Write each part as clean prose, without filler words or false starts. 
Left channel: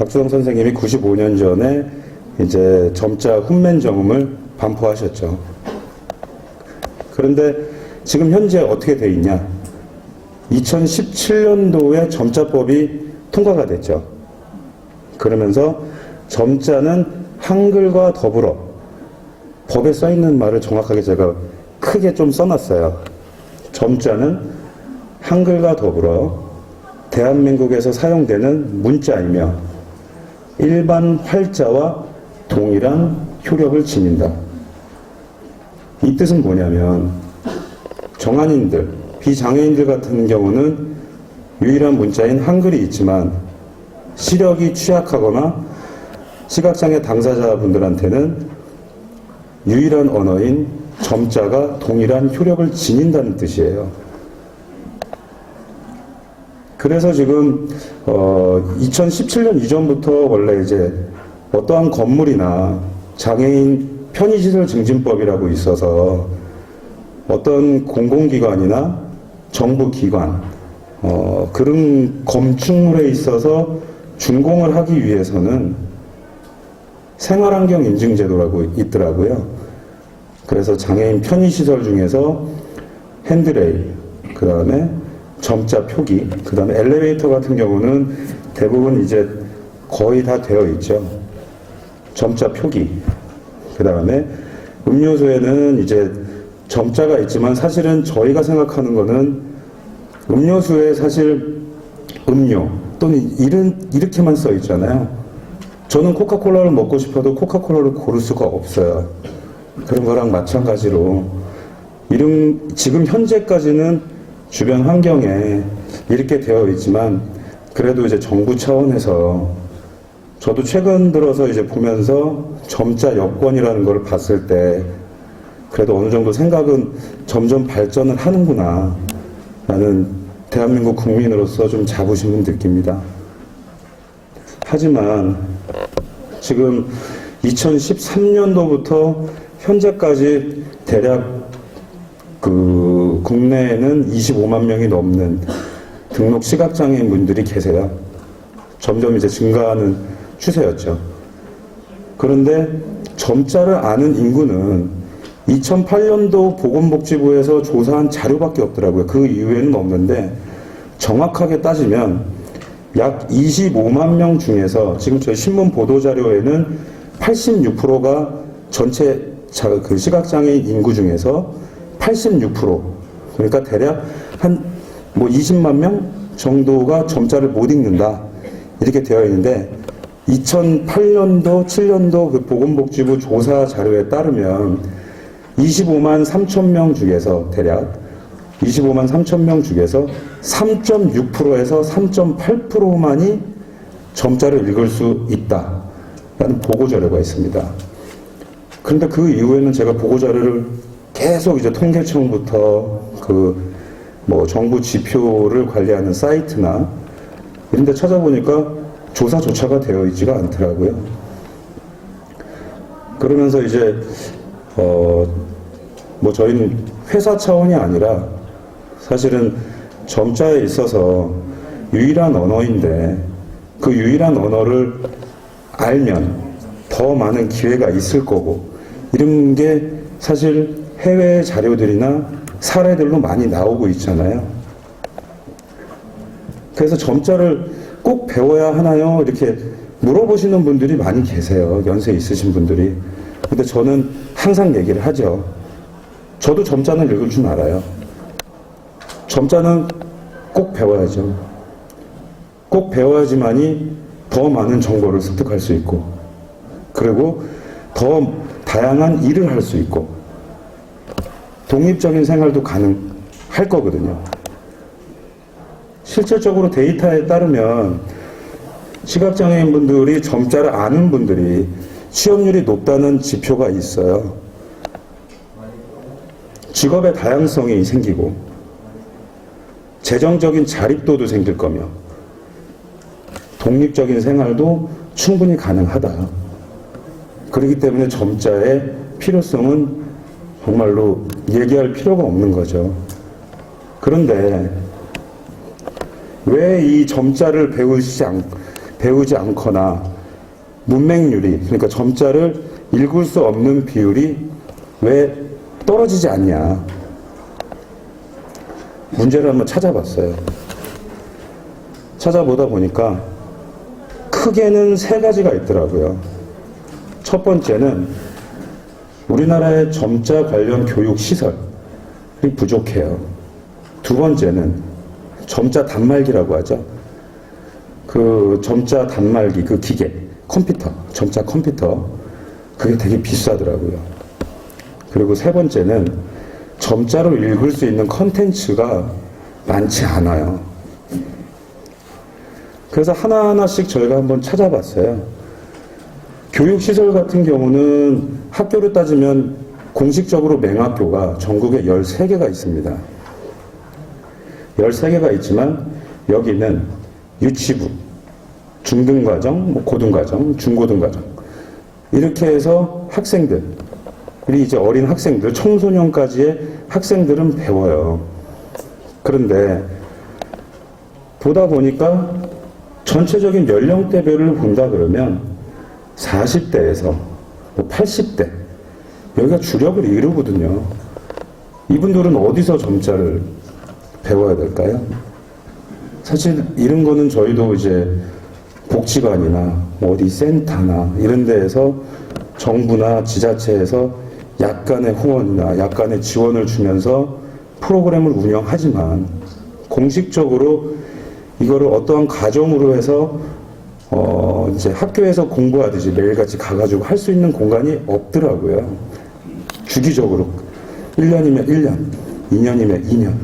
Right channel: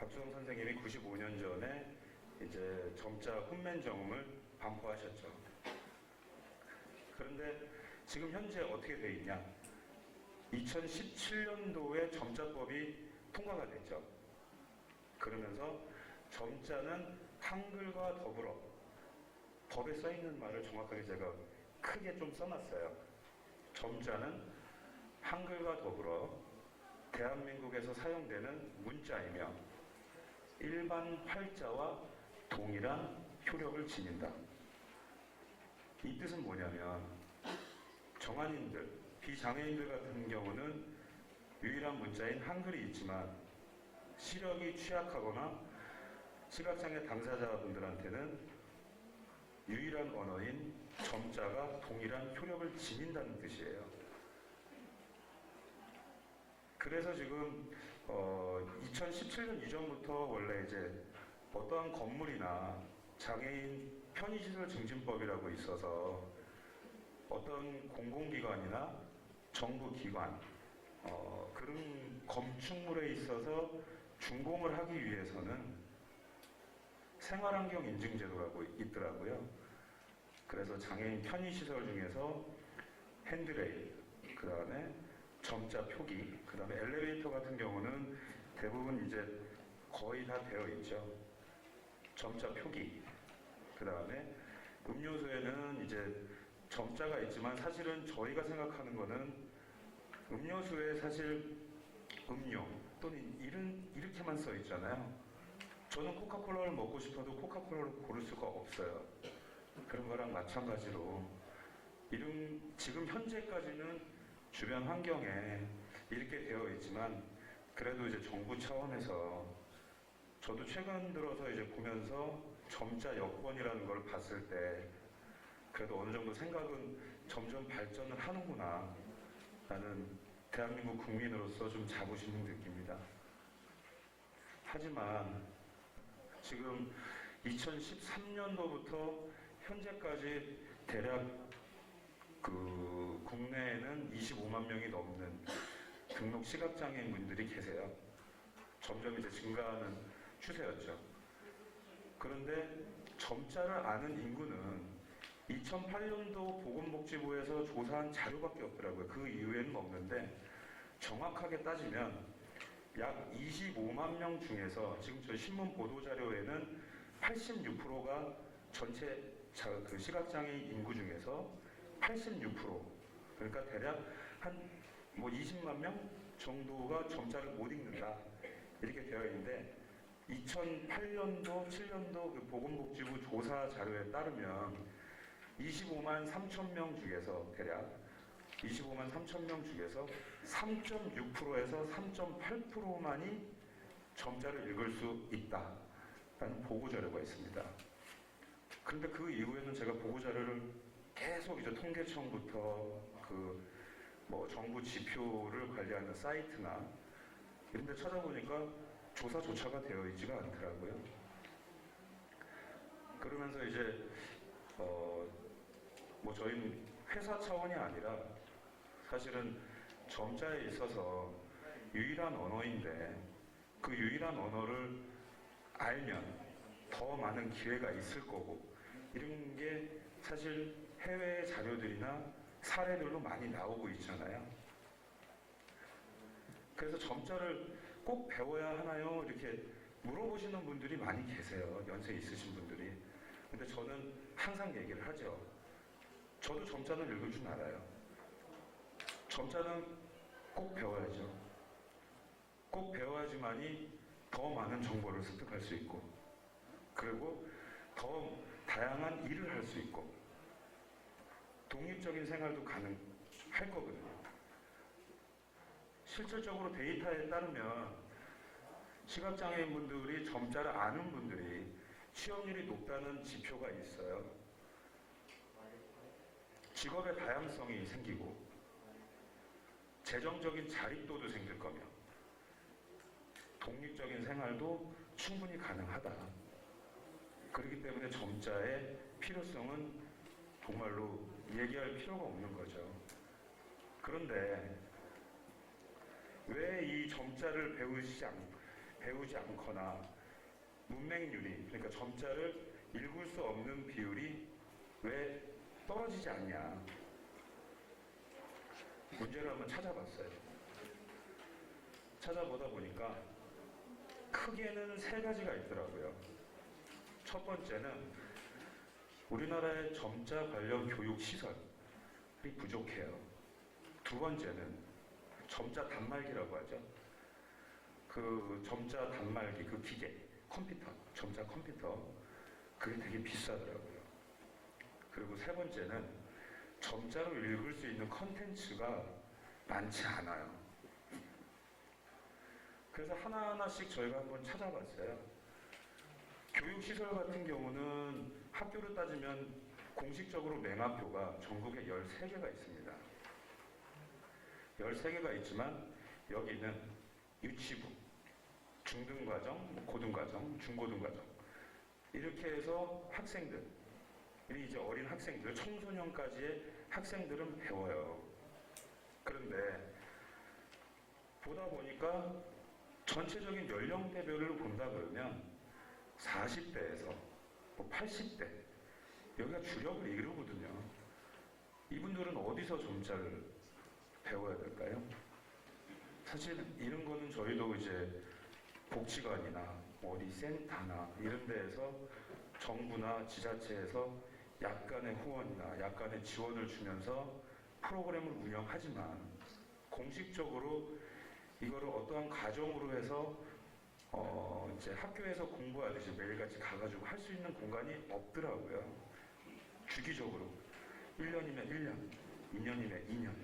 박주성 선생님이 95년 전에 이제 점자 훈맨정음을 반포하셨죠. 그런데 지금 현재 어떻게 돼 있냐? 2017년도에 점자법이 통과가 됐죠. 그러면서 점자는 한글과 더불어, 법에 써 있는 말을 정확하게 제가 크게 좀 써놨어요. 점자는 한글과 더불어 대한민국에서 사용되는 문자이며 일반 활자와 동일한 효력을 지닌다. 이 뜻은 뭐냐면 정한인들, 비장애인들 같은 경우는 유일한 문자인 한글이 있지만 시력이 취약하거나 시각장애 당사자분들한테는 유일한 언어인 점자가 동일한 효력을 지닌다는 뜻이에요. 그래서 지금 2017년 이전부터 원래 이제 어떠한 건물이나 장애인 편의시설 증진법이라고 있어서 어떤 공공기관이나 정부기관 그런 건축물에 있어서 준공을 하기 위해서는 생활환경 인증제도라고 있더라고요. 그래서 장애인 편의시설 중에서 핸드레일, 그 다음에 점자 표기, 그 다음에 엘리베이터 같은 경우는 대부분 이제 거의 다 되어 있죠. 점자 표기, 그 다음에 음료수에는 이제 점자가 있지만 사실은 저희가 생각하는 거는 음료수에 사실 음료 또는 이렇게만 써 있잖아요. 저는 코카콜라를 먹고 싶어도 코카콜라를 고를 수가 없어요. 그런 거랑 마찬가지로 지금 현재까지는 주변 환경에 이렇게 되어 있지만 그래도 이제 정부 차원에서 저도 최근 들어서 이제 보면서 점자 여권이라는 걸 봤을 때 그래도 어느 정도 생각은 점점 발전을 하는구나 라는 대한민국 국민으로서 좀 자부심은 느낍니다. 하지만 지금 2013년도부터 현재까지 대략 국내에는 25만 명이 넘는 등록 시각장애인 분들이 계세요. 점점 이제 증가하는 추세였죠. 그런데 점자를 아는 인구는 2008년도 보건복지부에서 조사한 자료밖에 없더라고요. 그 이후에는 없는데 정확하게 따지면 약 25만 명 중에서 지금 저희 신문 보도 자료에는 86%가 전체 그 시각장애인 인구 중에서 86%, 그러니까 대략 한 20만 명 정도가 점자를 못 읽는다 이렇게 되어 있는데 2008년도, 7년도 그 보건복지부 조사 자료에 따르면 25만 3천 명 중에서 대략 25만 3천 명 중에서 3.6%에서 3.8%만이 점자를 읽을 수 있다라는 보고자료가 있습니다. 그런데 그 이후에는 제가 보고자료를 계속 이제 통계청부터 정부 지표를 관리하는 사이트나 이런 데 찾아보니까 조사조차가 되어 있지가 않더라고요. 그러면서 이제 저희는 회사 차원이 아니라 사실은 점자에 있어서 유일한 언어인데 그 유일한 언어를 알면 더 많은 기회가 있을 거고 이런 게 사실 해외 자료들이나 사례들로 많이 나오고 있잖아요. 그래서 점자를 꼭 배워야 하나요? 이렇게 물어보시는 분들이 많이 계세요. 연세 있으신 분들이. 근데 저는 항상 얘기를 하죠. 저도 점자는 읽을 줄 알아요. 점자는 꼭 배워야죠. 꼭 배워야지만이 더 많은 정보를 습득할 수 있고 그리고 더 다양한 일을 할 수 있고 독립적인 생활도 가능할 거거든요. 실질적으로 데이터에 따르면 시각장애인 분들이 점자를 아는 분들이 취업률이 높다는 지표가 있어요. 직업의 다양성이 생기고 재정적인 자립도도 생길 거며 독립적인 생활도 충분히 가능하다. 그렇기 때문에 점자의 필요성은 정말로 얘기할 필요가 없는 거죠. 그런데 왜 이 점자를 배우지 않거나 문맹률이, 그러니까 점자를 읽을 수 없는 비율이 왜 떨어지지 않냐. 문제를 한번 찾아봤어요. 찾아보다 보니까 크게는 세 가지가 있더라고요. 첫 번째는 우리나라의 점자 관련 교육 시설이 부족해요. 두 번째는 점자 단말기라고 하죠. 그 점자 단말기, 그 기계, 컴퓨터, 점자 컴퓨터, 그게 되게 비싸더라고요. 그리고 세 번째는 점자로 읽을 수 있는 컨텐츠가 많지 않아요. 그래서 하나하나씩 저희가 한번 찾아봤어요. 교육시설 같은 경우는 학교로 따지면 공식적으로 맹학교가 전국에 13개가 있습니다. 13개가 있지만 여기는 유치부, 중등과정, 고등과정, 중고등과정 이렇게 해서 학생들, 우리 이제 어린 학생들, 청소년까지의 학생들은 배워요. 그런데 보다 보니까 전체적인 연령대별을 본다 그러면 40대에서 80대 여기가 주력을 이루거든요. 이분들은 어디서 점자를 배워야 될까요? 사실 이런 거는 저희도 이제 복지관이나 어디 센터나 이런 데에서 정부나 지자체에서 약간의 후원이나 약간의 지원을 주면서 프로그램을 운영하지만 공식적으로 이거를 어떠한 과정으로 해서 이제 학교에서 공부하듯이 매일같이 가가지고 할 수 있는 공간이 없더라고요. 주기적으로 1년이면 1년, 2년이면 2년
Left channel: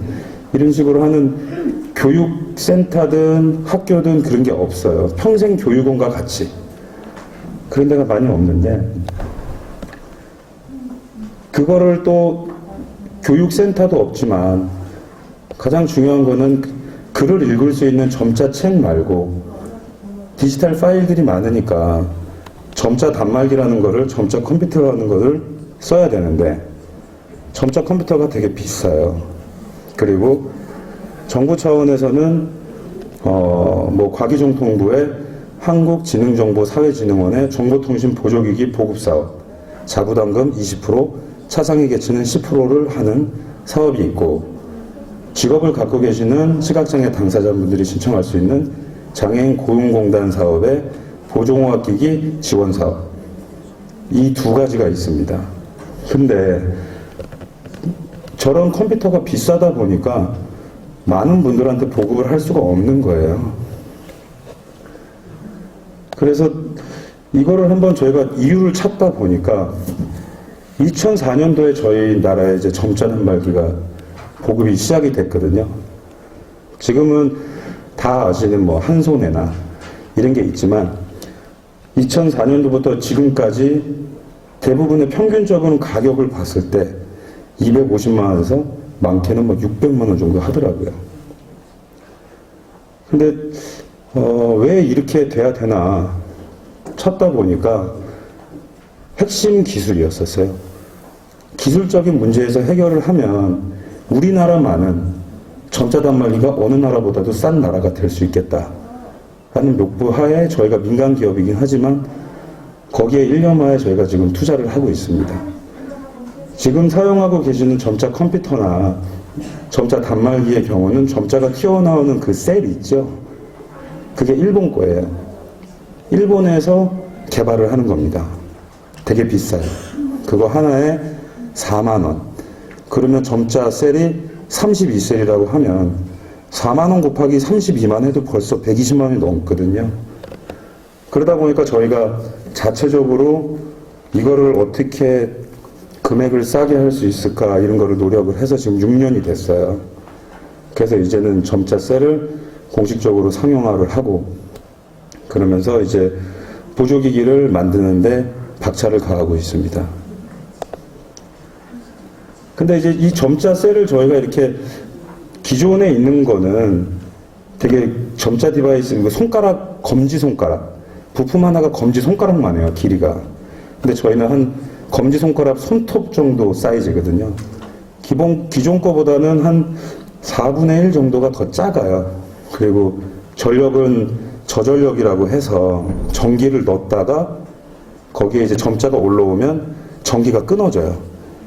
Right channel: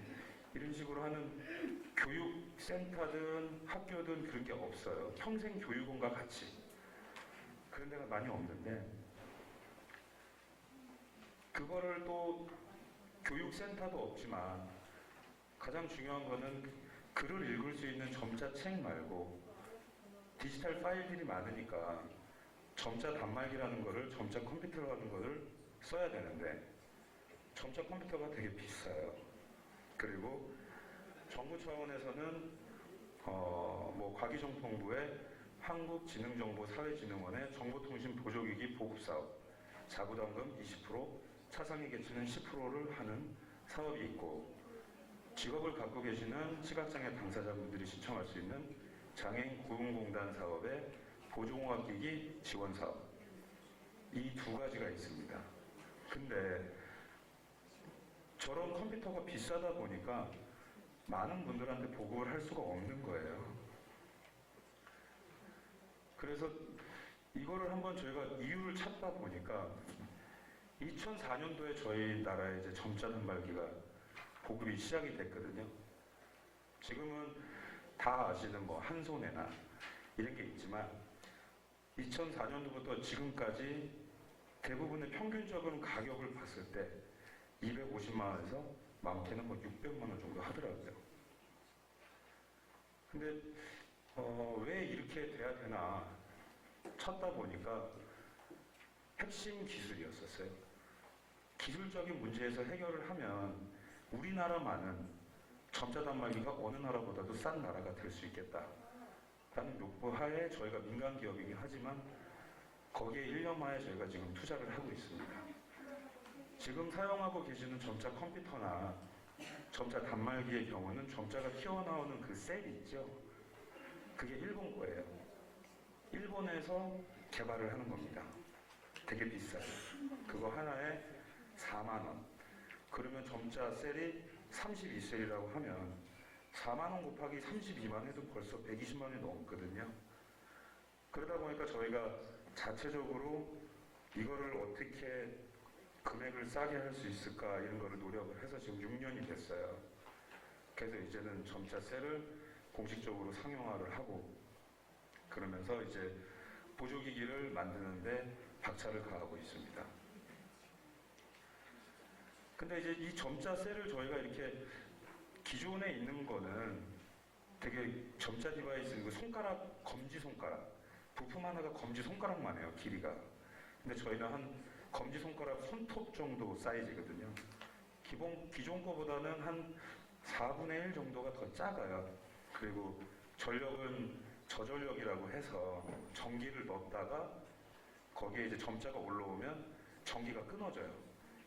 이런 식으로 하는 교육센터든 학교든 그런 게 없어요. 평생 교육원과 같이 그런 데가 많이 없는데 그거를 또 교육센터도 없지만 가장 중요한 거는 글을 읽을 수 있는 점자 책 말고 디지털 파일들이 많으니까 점자 단말기라는 거를 점자 컴퓨터라는 거를 써야 되는데 점자 컴퓨터가 되게 비싸요. 그리고 정부 차원에서는 뭐 과기정통부의 한국지능정보사회진흥원의 정보통신 보조기기 보급사업 자부담금 20%, 차상위 계층은 10%를 하는 사업이 있고 직업을 갖고 계시는 시각장애 당사자분들이 신청할 수 있는 장애인 고용공단 사업의 보조공학기기 지원 사업 이 두 가지가 있습니다. 근데 저런 컴퓨터가 비싸다 보니까 많은 분들한테 보급을 할 수가 없는 거예요. 그래서 이거를 한번 저희가 이유를 찾다 보니까 2004년도에 저희 나라에 이제 점자 단말기가 보급이 시작이 됐거든요. 지금은 다 아시는 뭐 한손해나 이런 게 있지만 2004년도부터 지금까지 대부분의 평균적인 가격을 봤을 때 250만 원에서 많게는 뭐 600만 원 정도 하더라고요. 근데 왜 이렇게 돼야 되나 찾다 보니까 핵심 기술이었었어요. 기술적인 문제에서 해결을 하면 우리나라만은 점자 단말기가 어느 나라보다도 싼 나라가 될 수 있겠다 라는 목표 하에 저희가 민간 기업이긴 하지만 거기에 1년마에 저희가 지금 투자를 하고 있습니다. 지금 사용하고 계시는 점자 컴퓨터나 점자 단말기의 경우는 점자가 튀어나오는 그 셀이 있죠. 그게 일본 거예요. 일본에서 개발을 하는 겁니다. 되게 비싸요. 그거 하나에 4만 원. 그러면 점자 셀이 32셀이라고 하면 4만 원 곱하기 32만 해도 벌써 120만 원이 넘거든요. 그러다 보니까 저희가 자체적으로 이거를 어떻게 금액을 싸게 할 수 있을까 이런 거를 노력을 해서 지금 6년이 됐어요. 그래서 이제는 점자 셀을 공식적으로 상용화를 하고 그러면서 이제 보조기기를 만드는데 박차를 가하고 있습니다. 근데 이제 이 점자 셀을 저희가 이렇게 기존에 있는 거는 되게 점자 디바이스, 손가락, 검지손가락, 부품 하나가 검지손가락만 해요, 길이가. 근데 저희는 한 검지손가락 손톱 정도 사이즈거든요. 기존 거보다는 한 4분의 1 정도가 더 작아요. 그리고 전력은 저전력이라고 해서 전기를 넣었다가 거기에 이제 점자가 올라오면 전기가 끊어져요.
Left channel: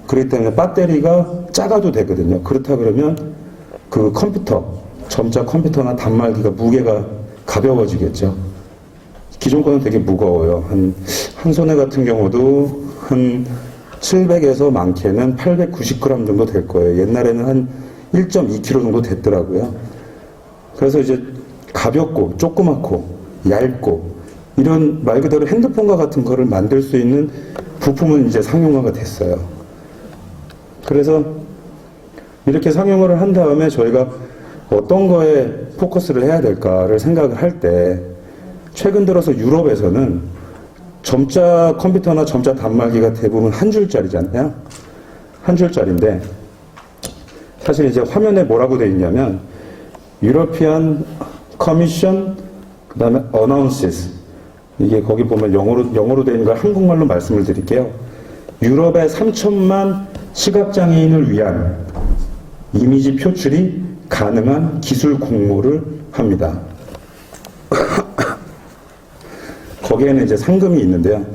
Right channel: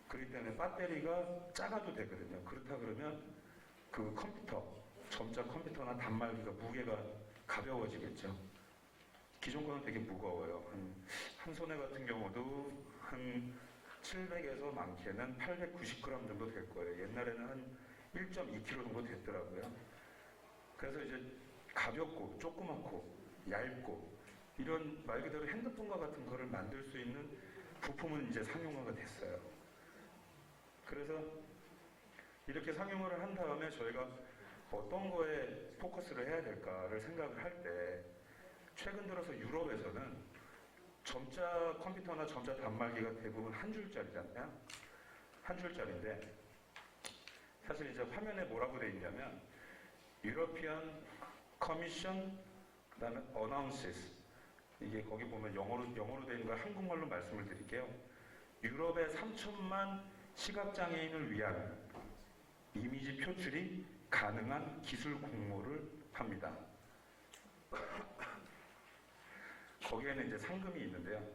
그렇기 때문에 배터리가 작아도 되거든요. 그렇다 그러면 그 컴퓨터, 점자 컴퓨터나 단말기가 무게가 가벼워지겠죠. 기존 거는 되게 무거워요. 한 손에 같은 경우도 한 700에서 많게는 890g 정도 될 거예요. 옛날에는 한 1.2kg 정도 됐더라고요. 그래서 이제 가볍고 조그맣고 얇고 이런 말 그대로 핸드폰과 같은 거를 만들 수 있는 부품은 이제 상용화가 됐어요. 그래서 이렇게 상용화를 한 다음에 저희가 어떤 거에 포커스를 해야 될까를 생각을 할 때 최근 들어서 유럽에서는 점자 컴퓨터나 점자 단말기가 대부분 한 줄짜리잖아요. 한 줄짜리인데 사실 이제 화면에 뭐라고 되어 있냐면 European Commission 그 다음에 Announces 이게 거기 보면 영어로 되어 있는 걸 한국말로 말씀을 드릴게요. 유럽의 3천만 시각장애인을 위한 이미지 표출이 가능한 기술 공모를 합니다. 거기에는 이제 상금이 있는데요.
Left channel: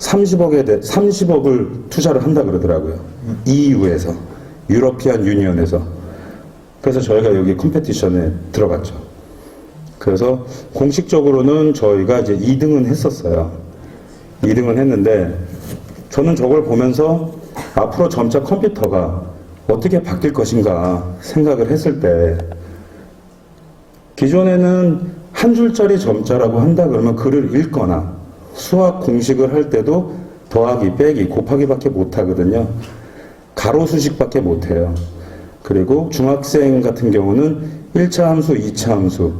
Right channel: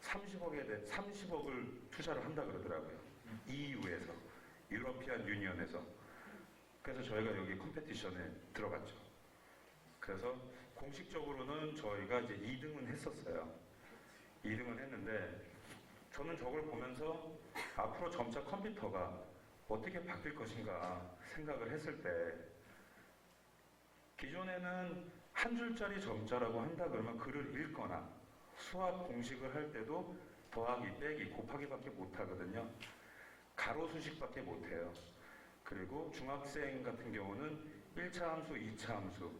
30억을 투자를 한다 그러더라고요. EU에서, 유러피안 유니언에서. 그래서 저희가 여기 컴페티션에 들어갔죠. 그래서 공식적으로는 저희가 이제 2등은 했었어요. 2등은 했는데 저는 저걸 보면서 앞으로 점자 컴퓨터가 어떻게 바뀔 것인가 생각을 했을 때 기존에는 한 줄짜리 점자라고 한다 그러면 글을 읽거나 수학 공식을 할 때도 더하기, 빼기, 곱하기밖에 못하거든요. 가로수식밖에 못해요. 그리고 중학생 같은 경우는 1차 함수, 2차 함수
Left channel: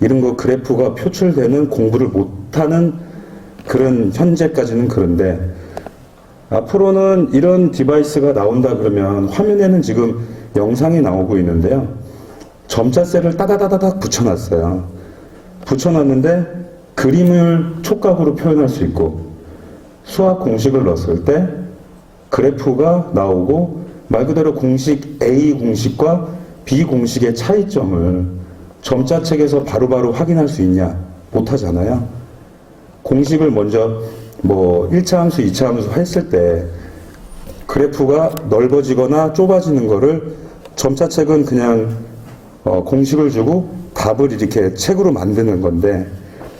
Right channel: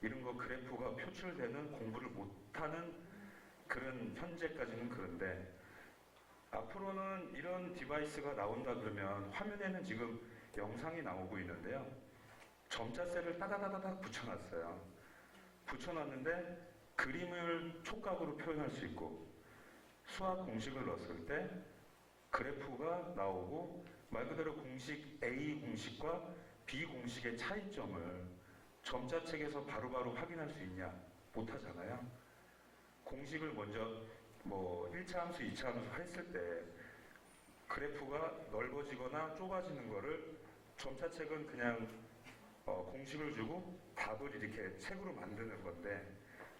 이런 거 그래프가 표출되는 공부를 못하는 그런 현재까지는 그런데 앞으로는 이런 디바이스가 나온다 그러면 화면에는 지금 영상이 나오고 있는데요. 점자셀을 따다다다닥 붙여놨어요. 붙여놨는데 그림을 촉각으로 표현할 수 있고 수학 공식을 넣었을 때 그래프가 나오고 말 그대로 공식 A 공식과 B 공식의 차이점을 점자책에서 바로바로 확인할 수 있냐? 못하잖아요. 공식을 먼저 뭐 1차 함수, 2차 함수 했을 때 그래프가 넓어지거나 좁아지는 거를 점자책은 그냥 공식을 주고 답을 이렇게 책으로 만드는 건데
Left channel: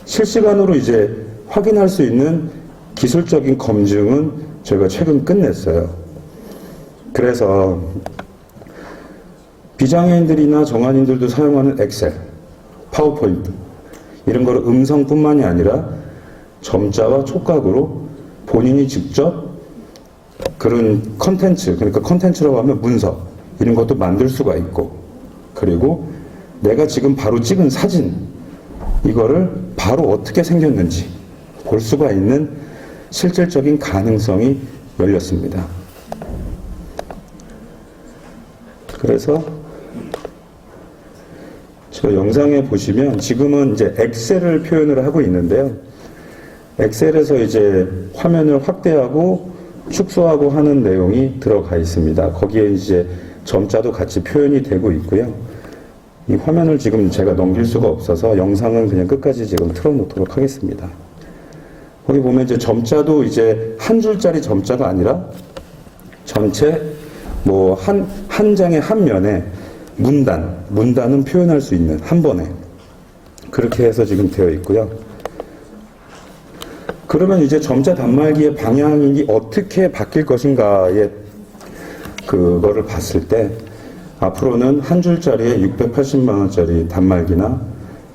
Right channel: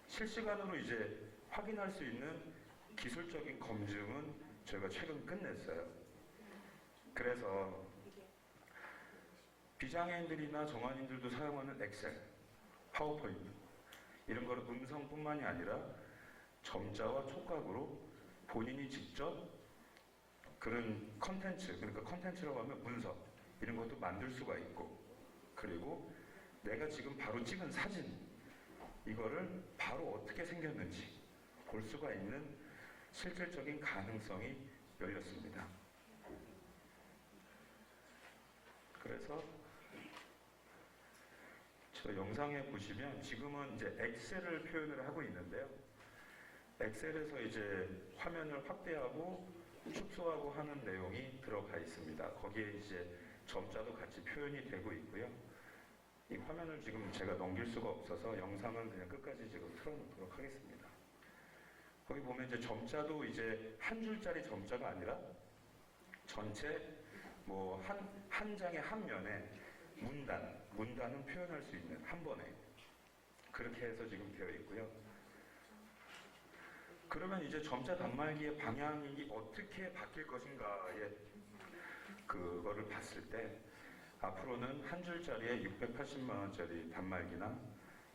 실시간으로 이제 확인할 수 있는 기술적인 검증은 저희가 최근 끝냈어요. 그래서 비장애인들이나 정한인들도 사용하는 엑셀, 파워포인트 이런 거를 음성뿐만이 아니라 점자와 촉각으로 본인이 직접 그런 컨텐츠, 그러니까 컨텐츠라고 하면 문서 이런 것도 만들 수가 있고 그리고 내가 지금 바로 찍은 사진 이거를 바로 어떻게 생겼는지 볼 수가 있는 실질적인 가능성이 열렸습니다. 그래서 저 영상에 보시면 지금은 이제 엑셀을 표현을 하고 있는데요. 엑셀에서 이제 화면을 확대하고 축소하고 하는 내용이 들어가 있습니다. 거기에 이제 점자도 같이 표현이 되고 있고요. 이 화면을 지금 제가 넘길 수가 없어서 영상은 그냥 끝까지 지금 틀어놓도록 하겠습니다. 거기 보면 이제 점자도 이제 한 줄짜리 점자가 아니라 전체 뭐 한 장의 한 면에 문단은 표현할 수 있는 한 번에 그렇게 해서 지금 되어 있고요. 그러면 이제 점자 단말기의 방향이 어떻게 바뀔 것인가에 그거를 봤을 때 앞으로는 한 줄짜리에 680만 원짜리 단말기나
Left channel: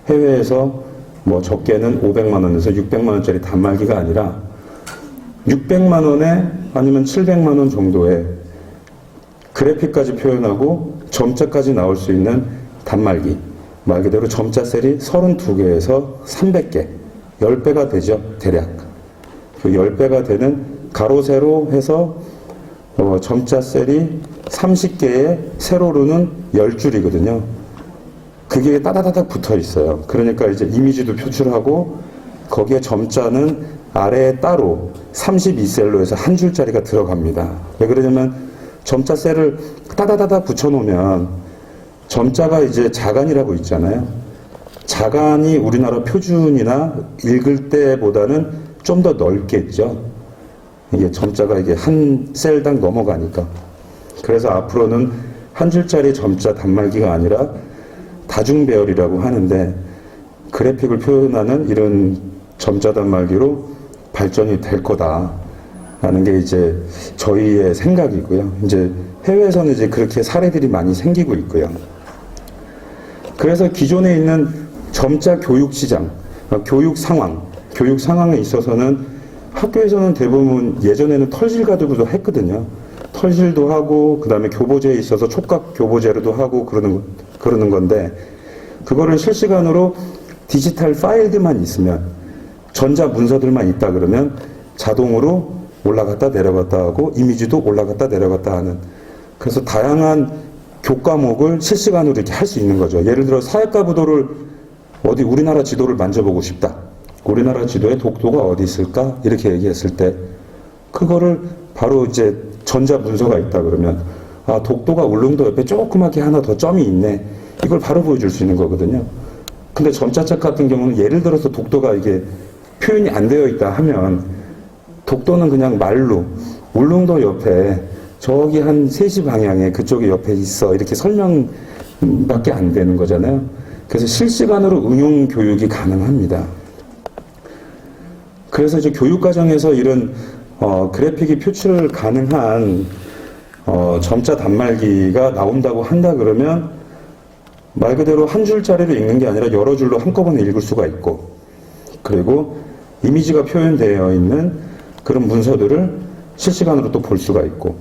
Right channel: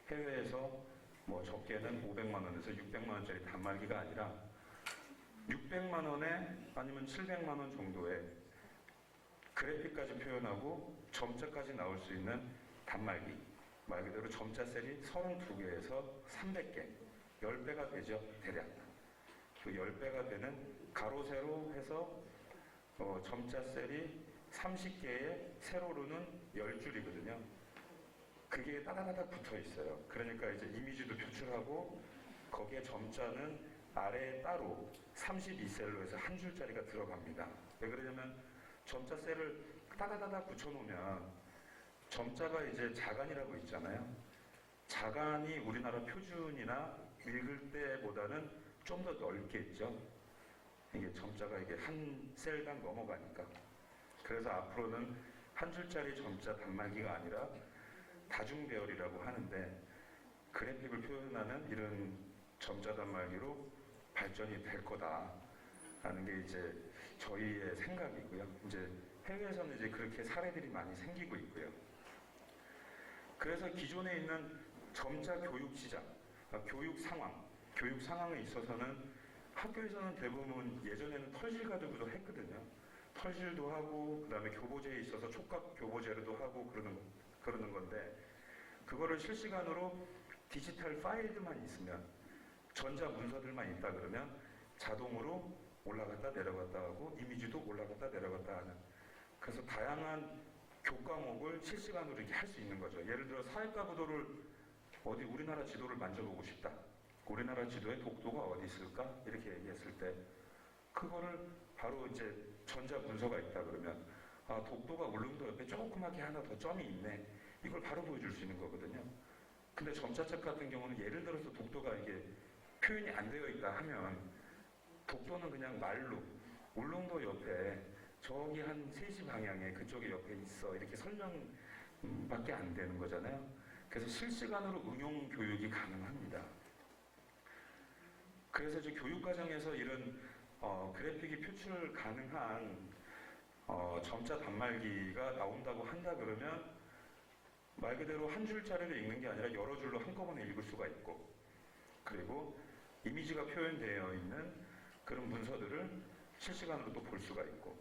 해외에서 뭐 적게는 500만 원에서 600만 원짜리 단말기가 아니라 600만 원에 아니면 700만 원 정도의 그래픽까지 표현하고 점자까지 나올 수 있는 단말기 말 그대로 점자 셀이 32개에서 300개 10배가 되죠 대략 그 10배가 되는 가로 세로 해서 점자 셀이 30개의 세로로는 10줄이거든요. 그게 따다다닥 붙어 있어요. 그러니까 이제 이미지도 표출하고 거기에 점자는 아래에 따로 32셀로 해서 한 줄짜리가 들어갑니다. 왜 그러냐면 점자 셀을 따다다닥 붙여놓으면 점자가 이제 자간이라고 있잖아요. 자간이 우리나라 표준이나 읽을 때보다는 좀 더 넓겠죠. 이게 점자가 이게 한 셀당 넘어가니까. 그래서 앞으로는 한 줄짜리 점자 단말기가 아니라 다중배열이라고 하는데 그래픽을 표현하는 이런 점자 단말기로 발전이 될 거다라는 게 이제 저희의 생각이고요. 이제 해외에서는 이제 그렇게 사례들이 많이 생기고 있고요. 그래서 기존에 있는 점자 교육 시장, 교육 상황에 있어서는 학교에서는 대부분 예전에는 털실 가지고도 했거든요. 털실도 하고 그다음에 교보제에 있어서 촉각 교보제로도 하고 그러는 건데 그거를 실시간으로 디지털 파일들만 있으면 전자 문서들만 있다 그러면 자동으로 올라갔다 내려갔다 하고 이미지도 올라갔다 내려갔다 하는 그래서 다양한 교과목을 실시간으로 이렇게 할 수 있는 거죠. 예를 들어 사회과 부도를 어디 우리나라 지도를 만져보고 싶다. 우리나라 지도에 독도가 어디 있을까? 이렇게 얘기했을 때 그거를 바로 이제 전자 문서가 있다 그러면 아 독도가 울릉도 옆에 조그맣게 하나 더 점이 있네. 이걸 바로 보여줄 수 있는 거거든요. 근데 점자책 같은 경우는 예를 들어서 독도가 이게 표현이 안 되어 있다 하면 독도는 그냥 말로 울릉도 옆에 저기 한 3시 방향에 그쪽에 옆에 있어 이렇게 설명밖에 안 되는 거잖아요. 그래서 실시간으로 응용 교육이 가능합니다. 그래서 이제 교육과정에서 이런 그래픽이 표출 가능한 점자 단말기가 나온다고 한다 그러면 말 그대로 한 줄짜리로 읽는 게 아니라 여러 줄로 한꺼번에 읽을 수가 있고 그리고 이미지가 표현되어 있는 그런 문서들을 실시간으로 또 볼 수가 있고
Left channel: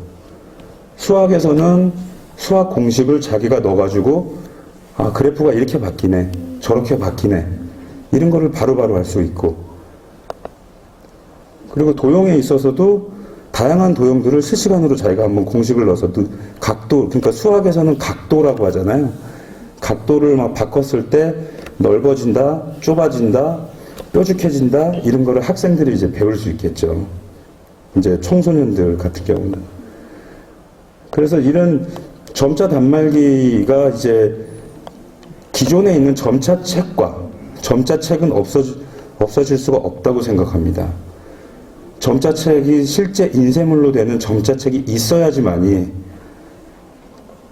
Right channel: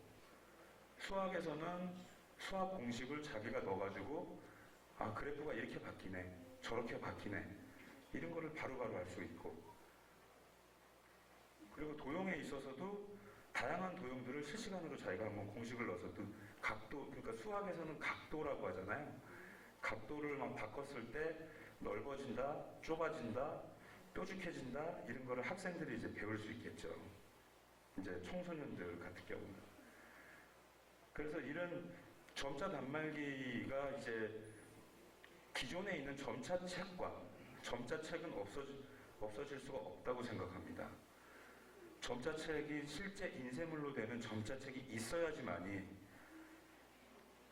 수학에서는 수학 공식을 자기가 넣어가지고 아 그래프가 이렇게 바뀌네 저렇게 바뀌네 이런 거를 바로바로 할 수 있고 그리고 도형에 있어서도 다양한 도형들을 실시간으로 자기가 한번 공식을 넣어서 각도 그러니까 수학에서는 각도라고 하잖아요. 각도를 막 바꿨을 때 넓어진다, 좁아진다, 뾰족해진다 이런 거를 학생들이 이제 배울 수 있겠죠. 이제 청소년들 같은 경우는. 그래서 이런 점자 단말기가 이제 기존에 있는 점자책은 없어질 수가 없다고 생각합니다. 점자책이 실제 인쇄물로 되는 점자책이 있어야지만이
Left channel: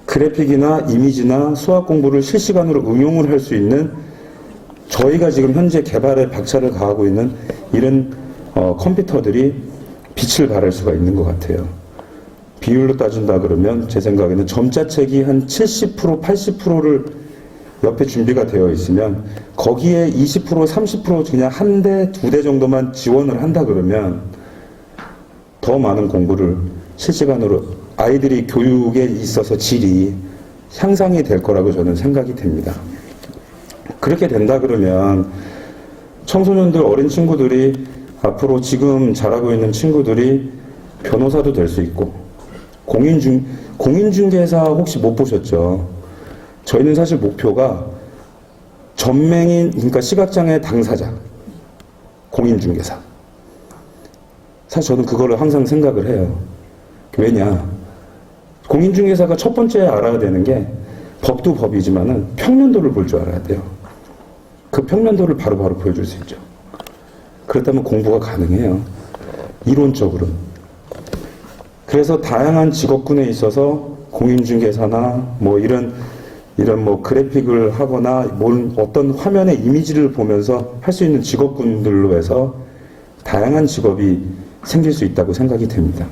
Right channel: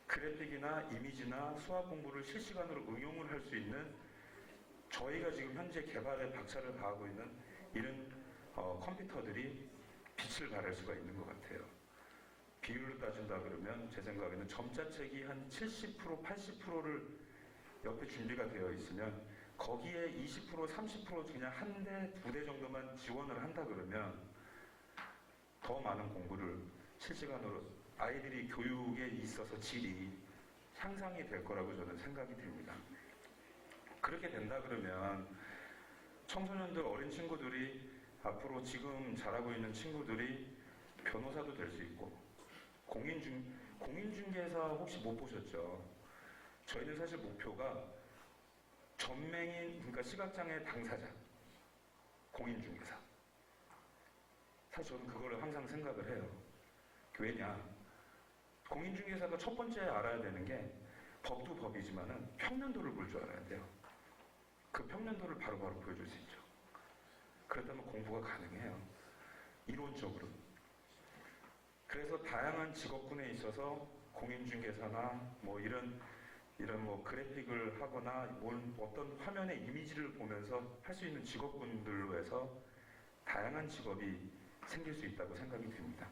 그래픽이나 이미지나 수학 공부를 실시간으로 응용을 할 수 있는 저희가 지금 현재 개발에 박차를 가하고 있는 이런 컴퓨터들이 빛을 발할 수가 있는 것 같아요. 비율로 따진다 그러면 제 생각에는 점자책이 한 70%, 80%를 옆에 준비가 되어 있으면 거기에 20%, 30% 그냥 한 대, 2대 정도만 지원을 한다 그러면 더 많은 공부를 실시간으로 아이들이 교육에 있어서 질이 향상이 될 거라고 저는 생각이 됩니다. 그렇게 된다 그러면 청소년들, 어린 친구들이 앞으로 지금 자라고 있는 친구들이 변호사도 될 수 있고 공인중개사 혹시 못 보셨죠? 저희는 사실 목표가 전맹인 그러니까 시각장애 당사자 공인중개사 사실 저는 그거를 항상 생각을 해요. 왜냐 공인중개사가 첫 번째 알아야 되는 게 법도 법이지만은 평면도를 볼 줄 알아야 돼요. 그 평면도를 바로바로 보여줄 수 있죠. 그렇다면 공부가 가능해요. 이론적으로. 그래서 다양한 직업군에 있어서 공인중개사나 뭐 이런 뭐 그래픽을 하거나 어떤 화면의 이미지를 보면서 할 수 있는 직업군들로 해서 다양한 직업이 생길 수 있다고 생각이 됩니다.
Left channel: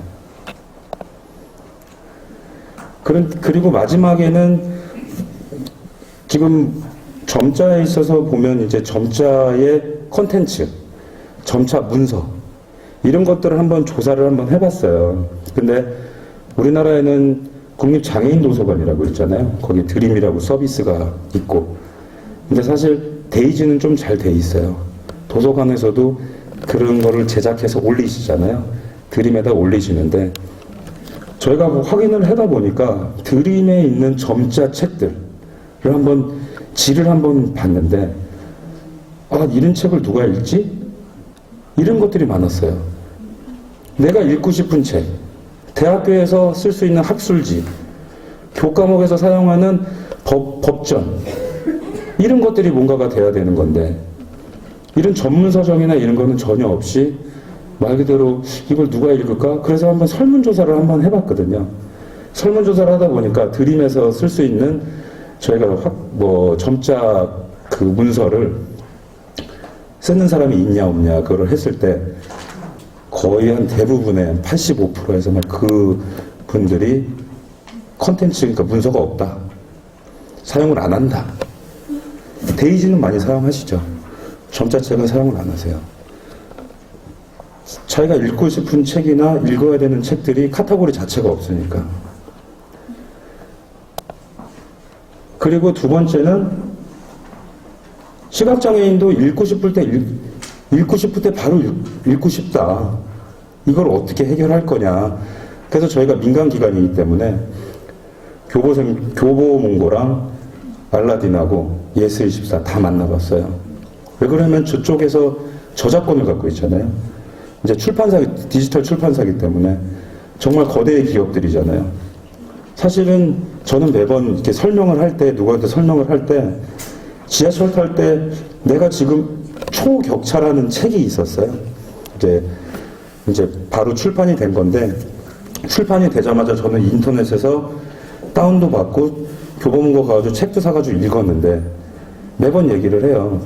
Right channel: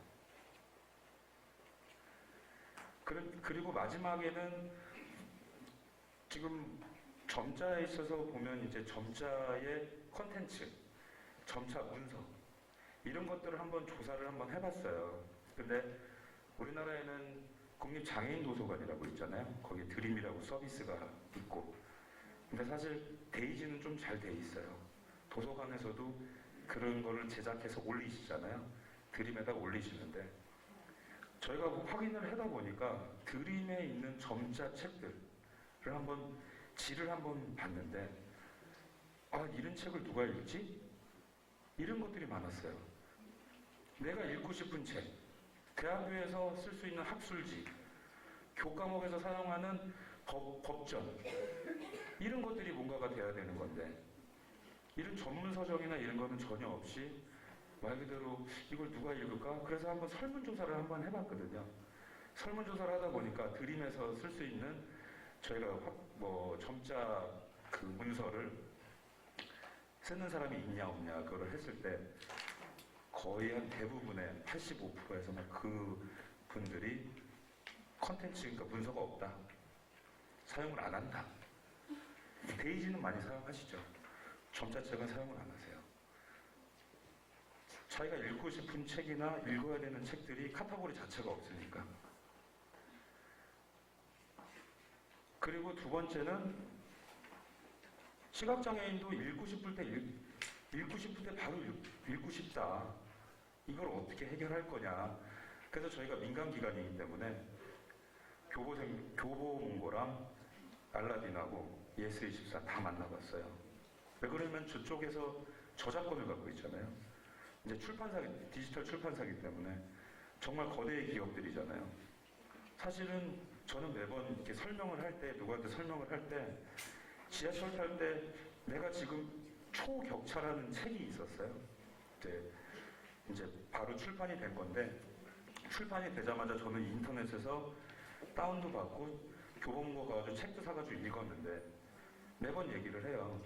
그리고 마지막에는 지금 점자에 있어서 보면 이제 점자의 콘텐츠, 점자 문서 이런 것들을 한번 조사를 한번 해봤어요. 근데 우리나라에는 국립장애인도서관이라고 있잖아요. 거기 드림이라고 서비스가 있고. 근데 사실 데이지는 좀 잘 돼 있어요. 도서관에서도 그런 거를 제작해서 올리시잖아요. 드림에다 올리시는데 저희가 뭐 확인을 하다 보니까 드림에 있는 점자 책들을 한번 질을 한번 봤는데 아 이런 책을 누가 읽지? 이런 것들이 많았어요. 내가 읽고 싶은 책, 대학교에서 쓸 수 있는 학술지, 교과목에서 사용하는 법전 이런 것들이 뭔가가 돼야 되는 건데 이런 전문 서적이나 이런 거는 전혀 없이 말 그대로 이걸 누가 읽을까? 그래서 한번 설문조사를 한번 해봤거든요. 설문조사를 하다 보니까 드림에서 쓸 수 있는 저희가 점자 그 문서를 쓰는 사람이 있냐 없냐 그걸 했을 때 거의 한 대부분의 85%에서 그 분들이 컨텐츠, 그러니까 문서가 없다. 사용을 안 한다. 데이지는 많이 사용하시죠. 점자책은 사용을 안 하세요. 자기가 읽고 싶은 책이나 읽어야 되는 책들이 카테고리 자체가 없으니까. 그리고 두 번째는 시각장애인도 읽고 싶을 때 바로 읽고 싶다. 이걸 어떻게 해결할 거냐. 그래서 저희가 민간기관이기 때문에 교보문고랑 알라딘하고 예스24 다 만나봤어요. 왜 그러면 저쪽에서 저작권을 갖고 있잖아요. 이제 디지털 출판사기 때문에 정말 거대의 기업들이잖아요. 사실은 저는 매번 이렇게 설명을 할 때, 누구한테 설명을 할 때, 지하철 탈 때 내가 지금 초격차라는 책이 있었어요. 이제 바로 출판이 된 건데, 출판이 되자마자 저는 인터넷에서 다운도 받고 교보문고 가가지고 책도 사가지고 읽었는데 매번 얘기를 해요.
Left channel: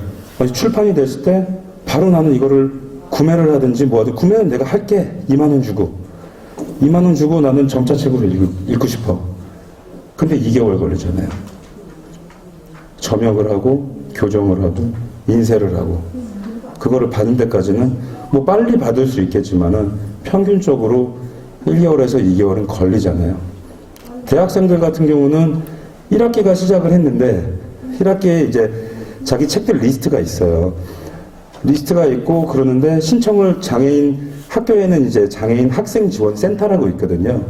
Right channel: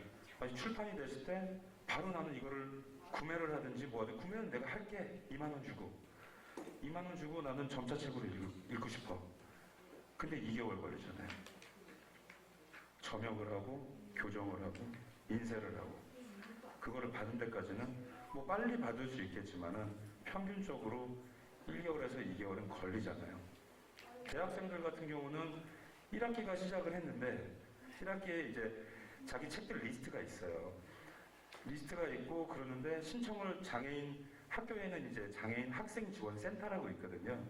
출판이 됐을 때 바로 나는 이거를 구매를 하든지 뭐하든 구매는 내가 할게. 2만 원 주고. 2만 원 주고 나는 점자책으로 읽고 싶어. 근데 2개월 걸리잖아요. 점역을 하고 교정을 하고 인쇄를 하고 그거를 받는 데까지는 뭐 빨리 받을 수 있겠지만은 평균적으로 1개월에서 2개월은 걸리잖아요. 대학생들 같은 경우는 1학기가 시작을 했는데 1학기에 이제 자기 책들 리스트가 있어요. 리스트가 있고 그러는데 신청을 학교에는 이제 장애인 학생 지원 센터라고 있거든요.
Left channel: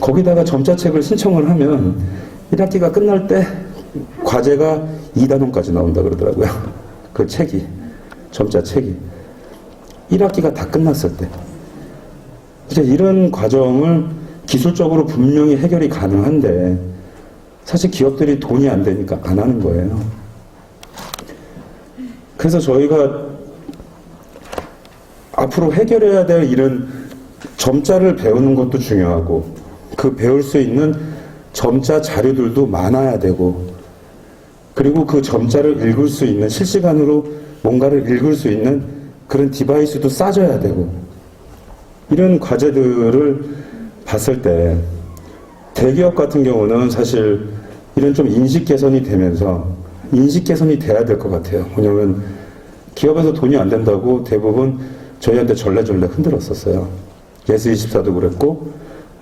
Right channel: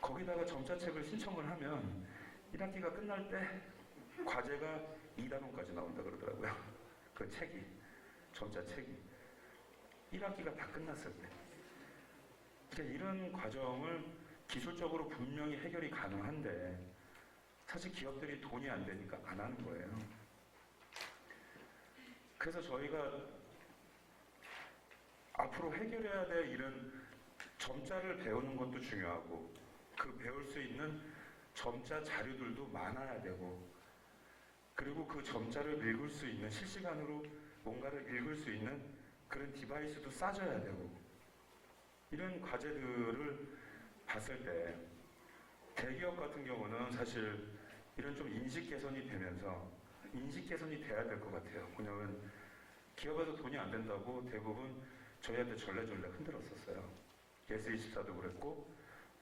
거기다가 점자책을 신청을 하면 1학기가 끝날 때 과제가 2단원까지 나온다 그러더라고요. 그 책이, 점자책이. 1학기가 다 끝났을 때. 이제 이런 과정을 기술적으로 분명히 해결이 가능한데 사실 기업들이 돈이 안 되니까 안 하는 거예요. 그래서 저희가 앞으로 해결해야 될 이런 점자를 배우는 것도 중요하고 그 배울 수 있는 점자 자료들도 많아야 되고 그리고 그 점자를 읽을 수 있는 실시간으로 뭔가를 읽을 수 있는 그런 디바이스도 싸줘야 되고 이런 과제들을 봤을 때 대기업 같은 경우는 사실 이런 좀 인식 개선이 되면서 인식 개선이 돼야 될 것 같아요. 왜냐하면 기업에서 돈이 안 된다고 대부분 저희한테 절레절레 흔들었었어요. 예스24도 그랬고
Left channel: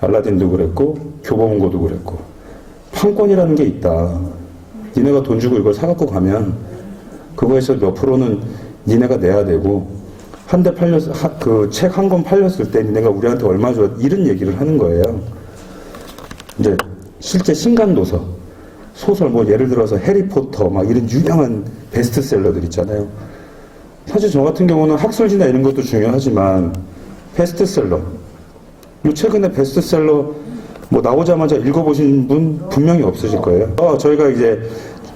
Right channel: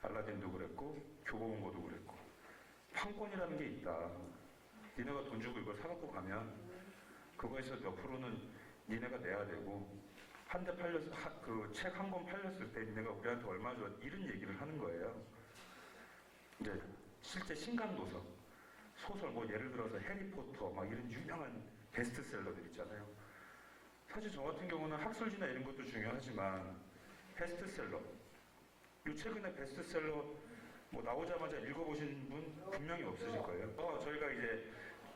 알라딘도 그랬고 교보문고도 그랬고 판권이라는 게 있다. 니네가 돈 주고 이걸 사갖고 가면 그거에서 몇 프로는 니네가 내야 되고 한 대 그 책 한 권 팔렸을 때 니네가 우리한테 얼마 줘 이런 얘기를 하는 거예요. 이제 실제 신간도서 소설 뭐 예를 들어서 해리포터 막 이런 유명한 베스트셀러들 있잖아요. 사실 저 같은 경우는 학술지나 이런 것도 중요하지만 베스트셀러 요 최근에 베스트셀러 뭐 나오자마자 읽어보신 분 분명히 없으실 거예요. 저희가 이제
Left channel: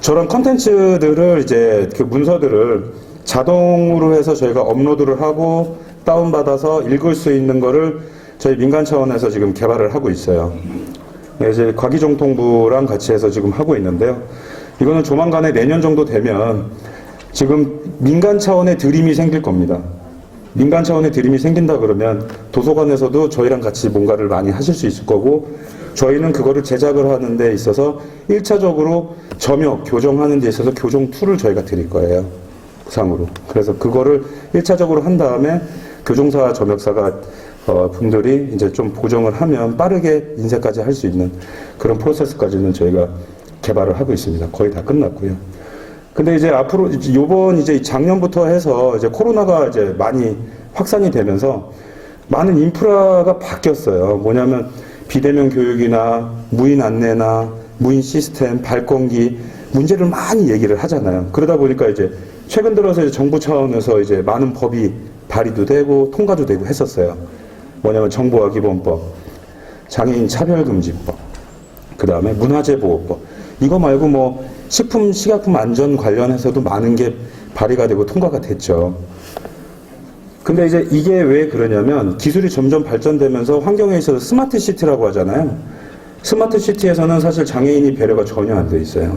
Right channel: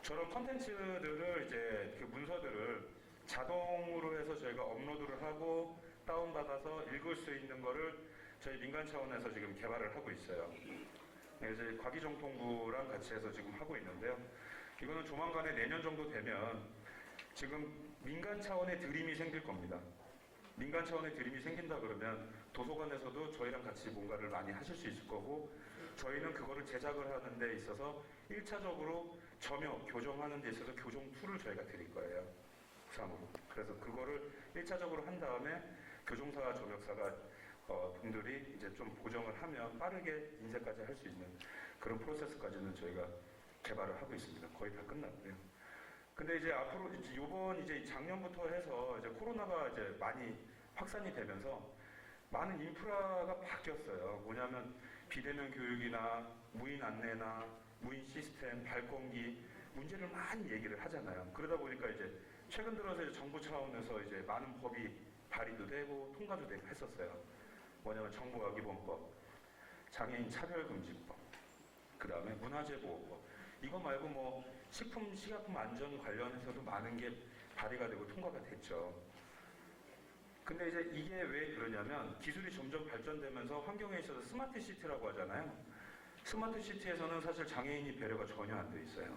저런 컨텐츠들을 이제 그 문서들을 자동으로 해서 저희가 업로드를 하고 다운받아서 읽을 수 있는 거를 저희 민간 차원에서 지금 개발을 하고 있어요. 이제 과기정통부랑 같이 해서 지금 하고 있는데요. 이거는 조만간에 내년 정도 되면 지금 민간 차원의 드림이 생길 겁니다. 민간 차원의 드림이 생긴다 그러면 도서관에서도 저희랑 같이 뭔가를 많이 하실 수 있을 거고 저희는 그거를 제작을 하는 데 있어서 1차적으로 점역, 교정하는 데 있어서 교정 툴을 저희가 드릴 거예요. 상으로. 그래서 그거를 1차적으로 한 다음에 교정사, 점역사가 분들이 이제 좀 보정을 하면 빠르게 인쇄까지 할 수 있는 그런 프로세스까지는 저희가 개발을 하고 있습니다. 거의 다 끝났고요. 근데 이제 앞으로 요번 이제 작년부터 해서 이제 코로나가 이제 많이 확산이 되면서 많은 인프라가 바뀌었어요. 뭐냐면 비대면 교육이나 무인 안내나 무인 시스템, 발권기 문제를 많이 얘기를 하잖아요. 그러다 보니까 이제 최근 들어서 이제 정부 차원에서 이제 많은 법이 발의도 되고 통과도 되고 했었어요. 뭐냐면 정보화기본법, 장애인 차별금지법, 그 다음에 문화재보호법. 이거 말고 뭐 식품, 식약품 안전 관련해서도 많은 게 발의가 되고 통과가 됐죠. 근데 이제 이게 왜 그러냐면 기술이 점점 발전되면서 환경에 있어서 스마트 시티라고 하잖아요. 스마트 시티에서는 사실 장애인이 배려가 전혀 안 돼 있어요.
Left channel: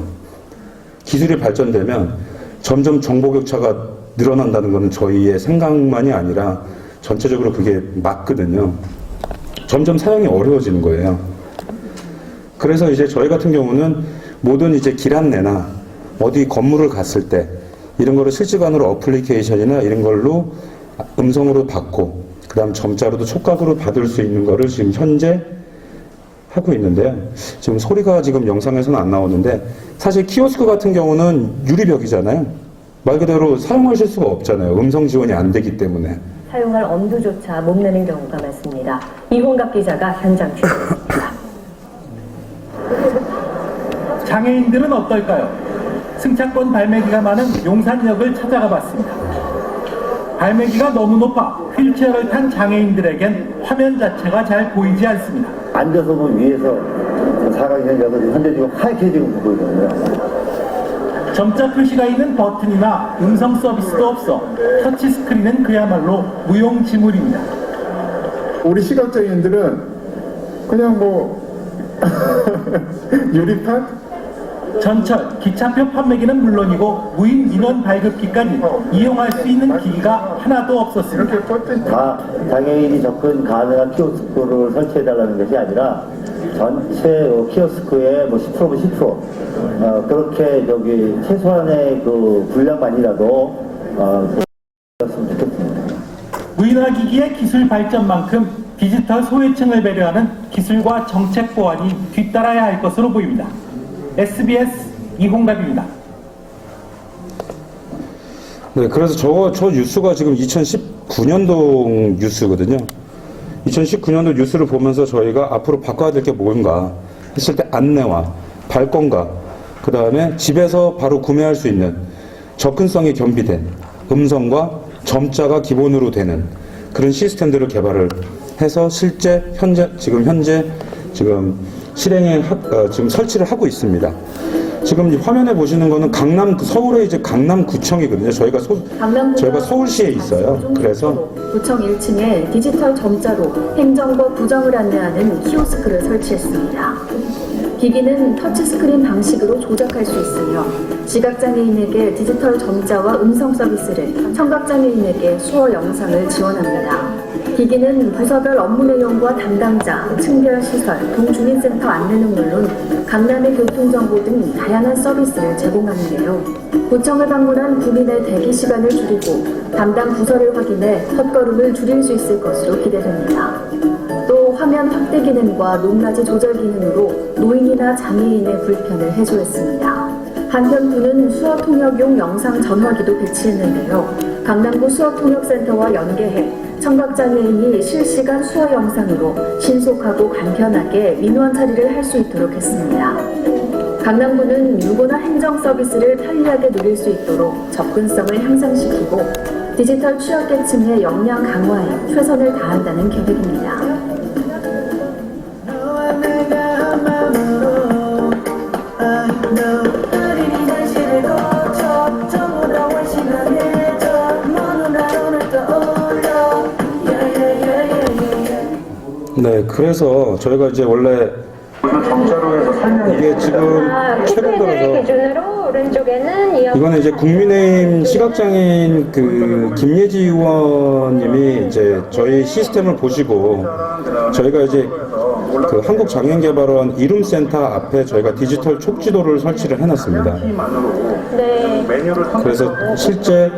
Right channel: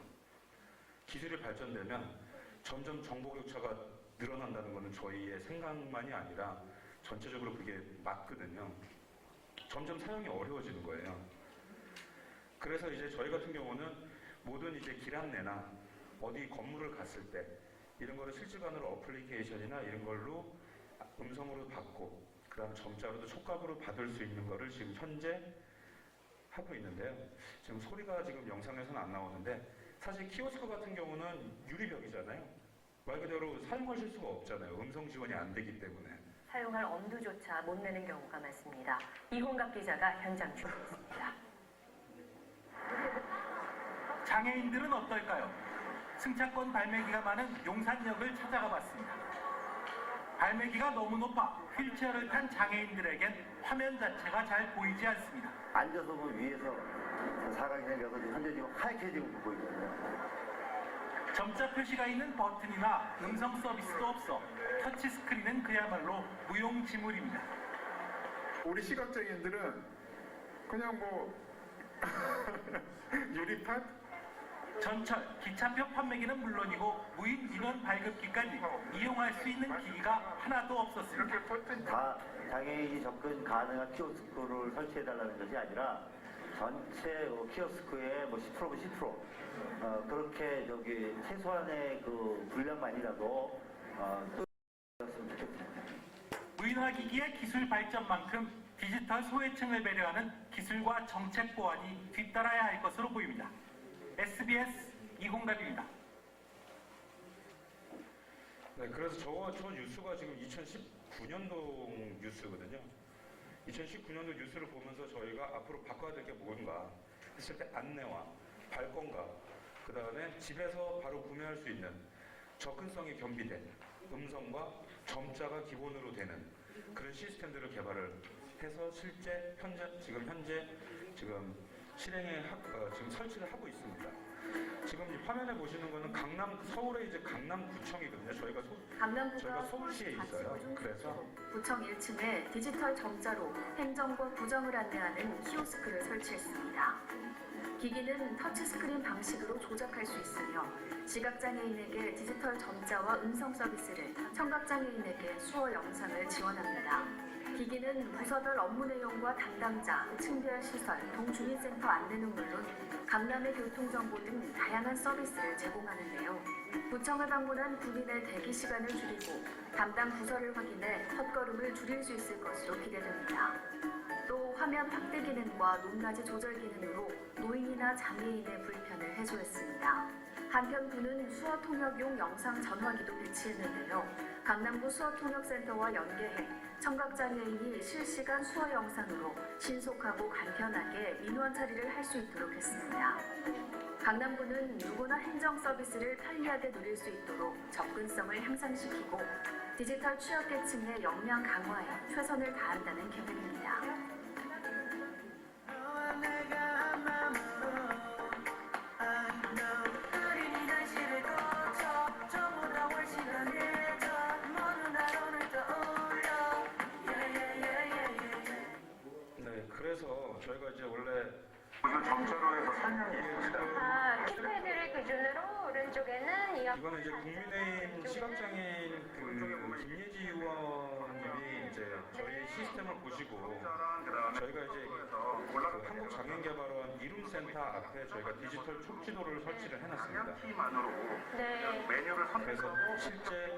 기술이 발전되면 점점 정보 격차가 늘어난다는 것은 저희의 생각만이 아니라 전체적으로 그게 맞거든요. 점점 사용이 어려워지는 거예요. 그래서 이제 저희 같은 경우는 모든 이제 길 안내나 어디 건물을 갔을 때 이런 거를 실시간으로 어플리케이션이나 이런 걸로 음성으로 받고 그다음 점자로도 촉각으로 받을 수 있는 거를 지금 현재 하고 있는데요. 지금 소리가 지금 영상에서는 안 나오는데 사실 키오스크 같은 경우는 유리벽이잖아요. 말 그대로 사용하실 수가 없잖아요. 음성 지원이 안 되기 때문에. 사용할 엄두조차 못 내는 경우가 많습니다. 이홍갑 기자가 현장 취재했습니다. 장애인들은 어떨까요? 승차권 발매기가 많은 용산역을 찾아가 봤습니다. 발매기가 너무 높아 휠체어를 탄 장애인들에겐 화면 자체가 잘 보이지 않습니다. 앉아서 보면 위에서 사각형이라서 현재 지금 하얗게 지금 보이거든요. 점자 표시가 있는 버튼이나 음성 서비스도 없어 터치 스크린은 그야말로 무용지물입니다. 우리 시각장애인들은 그냥 뭐 유리판? 전철, 기차표 판매기는 물론이고 무인 인원 발급기까지 이용할 수 있는 기기가 하나도 없었습니다. 이렇게 버튼 다 장애인이 접근 가능한 키오스크를 설치해달라는 것이 아니라 전체 키오스크의 뭐 10%면 10%, 그렇게 최소한의 그 분량만이라도 했으면 좋겠습니다. 무인화기기의 기술 발전만큼 디지털 소외층을 배려하는 기술과 정책 보완이 뒤따라야 할 것으로 보입니다. SBS 이홍갑입니다. 네, 그래서 저 뉴스가 지금 2019년도 뉴스거든요. 2019년도 뉴스를 보면서 저희가 앞으로 바꿔야 될 게 뭔가 했을 때 안내와 발권과 그 다음에 집에서 바로 구매할 수 있는 접근성이 겸비된 음성과 점자가 기본으로 되는 그런 시스템들을 개발을 해서 실제 지금 실행에 지금 설치를 하고 있습니다. 지금 화면에 보시는 거는 서울의 이제 강남구청이거든요. 저희가 서울시에 있어요. 그래서 구청 1층에 디지털 점자로 행정과 부정을 안내하는 키오스크를 설치했습니다. 기기는 터치스크린 방식으로 조작할 수 있으며 시각장애인에게 디지털 점자와 음성 서비스를, 청각장애인에게 수어 영상을 지원합니다. 기기는 부서별 업무 내용과 담당자, 층별 시설, 동주민센터 안내는 물론 강남의 교통정보 등 다양한 서비스를 제공하는데요. 구청을 방문한 구민의 대기 시간을 줄이고 담당 부서를 확인해 헛걸음을 줄일 수 있을 것으로 기대됩니다. 또 화면 확대 기능과 높낮이 조절 기능으로 노인이나 장애인의 불편을 해소했습니다. 한편 구는 수어통역용 영상 전화기도 배치했는데요. 강남구 수어통역센터와 연계해 청각장애인이 실시간 수어 영상으로 신속하고 간편하게 민원 처리를 할 수 있도록 했습니다. 강남구는 누구나 행정 서비스를 편리하게 누릴 수 있도록 접근성을 향상시키고 디지털 취약계층의 역량 강화에 최선을 다한다는 계획입니다. 네, 그래서 저희가 이제 원래 이게 지금 최근 들어서 기준으로 오른쪽에는 이거는 이제 국민의힘 시각장애인 김예지 의원님이 이제 저희 시스템을 보시고 저희가 이제 한국장애인개발원 이룸센터 앞에 저희가 디지털 촉지도를 설치를 해놨습니다. 네. 그래서 실제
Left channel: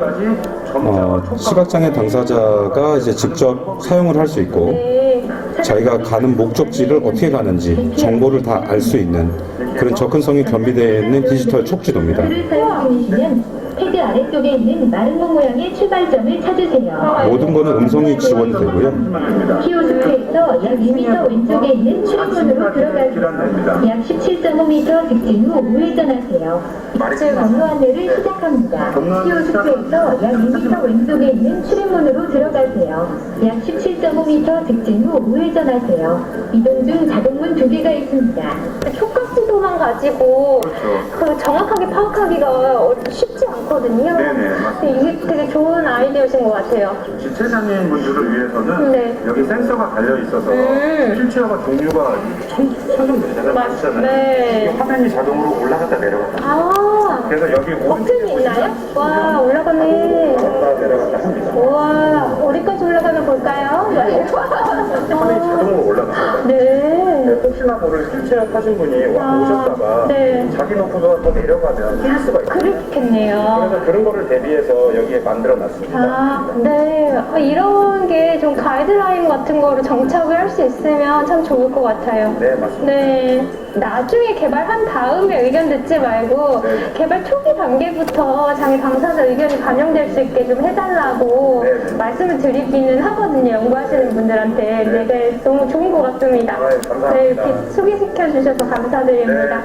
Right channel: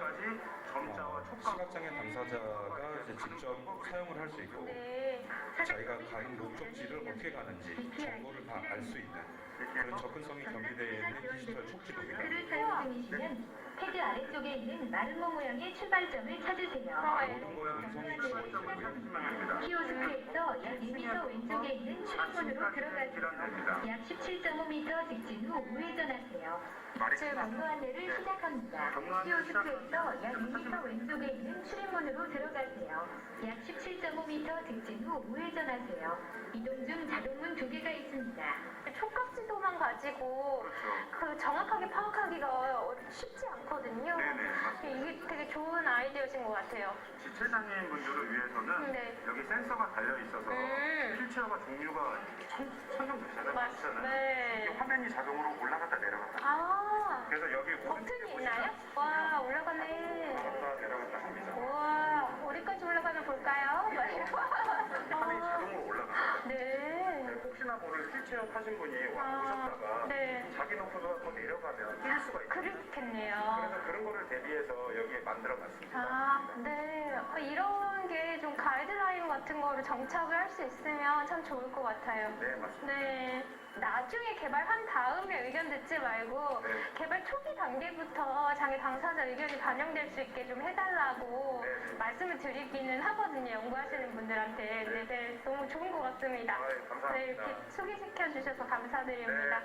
시각장애 당사자가 이제 직접 사용을 할 수 있고 자기가 가는 목적지를 어떻게 가는지 정보를 다 알 수 있는 그런 접근성이 겸비되어 있는 디지털 촉지도입니다. 패드 아래쪽에 있는 마름모 모양의 출발점을 찾으세요. 모든 거는 음성이 지원이 되고요. 키오스크에서 약 2m 왼쪽에 있는 출입문으로 들어가세요. 약 17.5m 직진 후 우회전하세요. 경로 안내를 시작합니다. 키오스크에서 약 2m 왼쪽에 있는 출입문으로 들어가세요. 약 17.5m 직진 후 우회전하세요. 이동 중 자동문 2개가 있습니다. 촉각지도만 가지고 그 정확하게 파악하기가 쉽지 않거든요. 네네, 맞습니다. 근데 이게 되게 좋은 아이디어신 것 같아요. 지체장애인 분들을 위해서는 네. 여기 센서가 달려 있어서 휠체어가 종류가 천정되잖아요. 네. 이게 화면이 자동으로 올라갔다 내려갔다. 아, 그래서 여기 버튼이 있나요? 와, 올라가네. 올라갔다 내려갔다 합니다. 우와, 어디까지 올라가면 볼까요? 화면이 자동으로 올라갑니다. 네. 혹시나 모를 휠체어 타신 분이 오셨다가 네. 자기 놓고서 더 내려가면 뛸 수가 있어요. 그렇겠네요. 그래서 그런 거를 대비해서 여기에 만들어 놨습니다. 아, 네. 이런 게 좀 가이드라인 같은 거를 정착을 할 수 있으면 참 좋을 것 같아요. 네, 맞습니다. 네. 나중에 개발한 다음에 의견 듣지 말고 네. 개발 초기 단계부터 장애 당사자 의견이 반영될 수 있게 좀 해달라고 네. 말씀을 드리기는 하거든요. 연구하시는 분들한테. 네, 네. 너무 좋은 것 같습니다. 감사합니다. 네, 이렇게 소개시켜 주셔서 감사드립니다.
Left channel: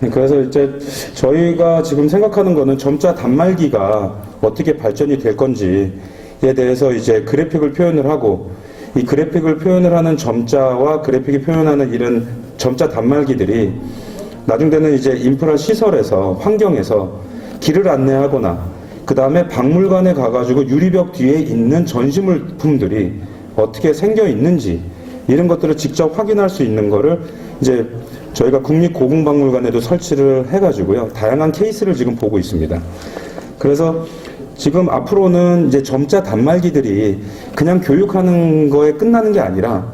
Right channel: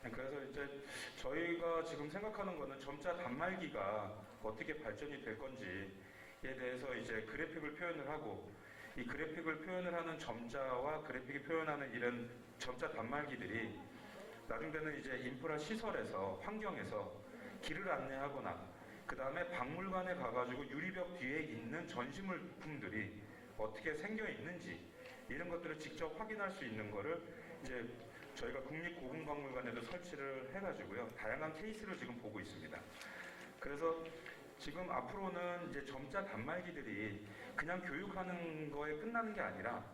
그래서 이제 저희가 지금 생각하는 거는 점자 단말기가 어떻게 발전이 될 건지에 대해서 이제 그래픽을 표현을 하고, 이 그래픽을 표현을 하는 점자와 그래픽이 표현하는 이런 점자 단말기들이 나중에는 이제 인프라 시설에서, 환경에서 길을 안내하거나, 그 다음에 박물관에 가가지고 유리벽 뒤에 있는 전시물품들이 어떻게 생겨 있는지, 이런 것들을 직접 확인할 수 있는 거를 이제 저희가 국립고궁박물관에도 설치를 해가지고요, 다양한 케이스를 지금 보고 있습니다. 그래서 지금 앞으로는 이제 점자 단말기들이 그냥 교육하는 거에 끝나는 게 아니라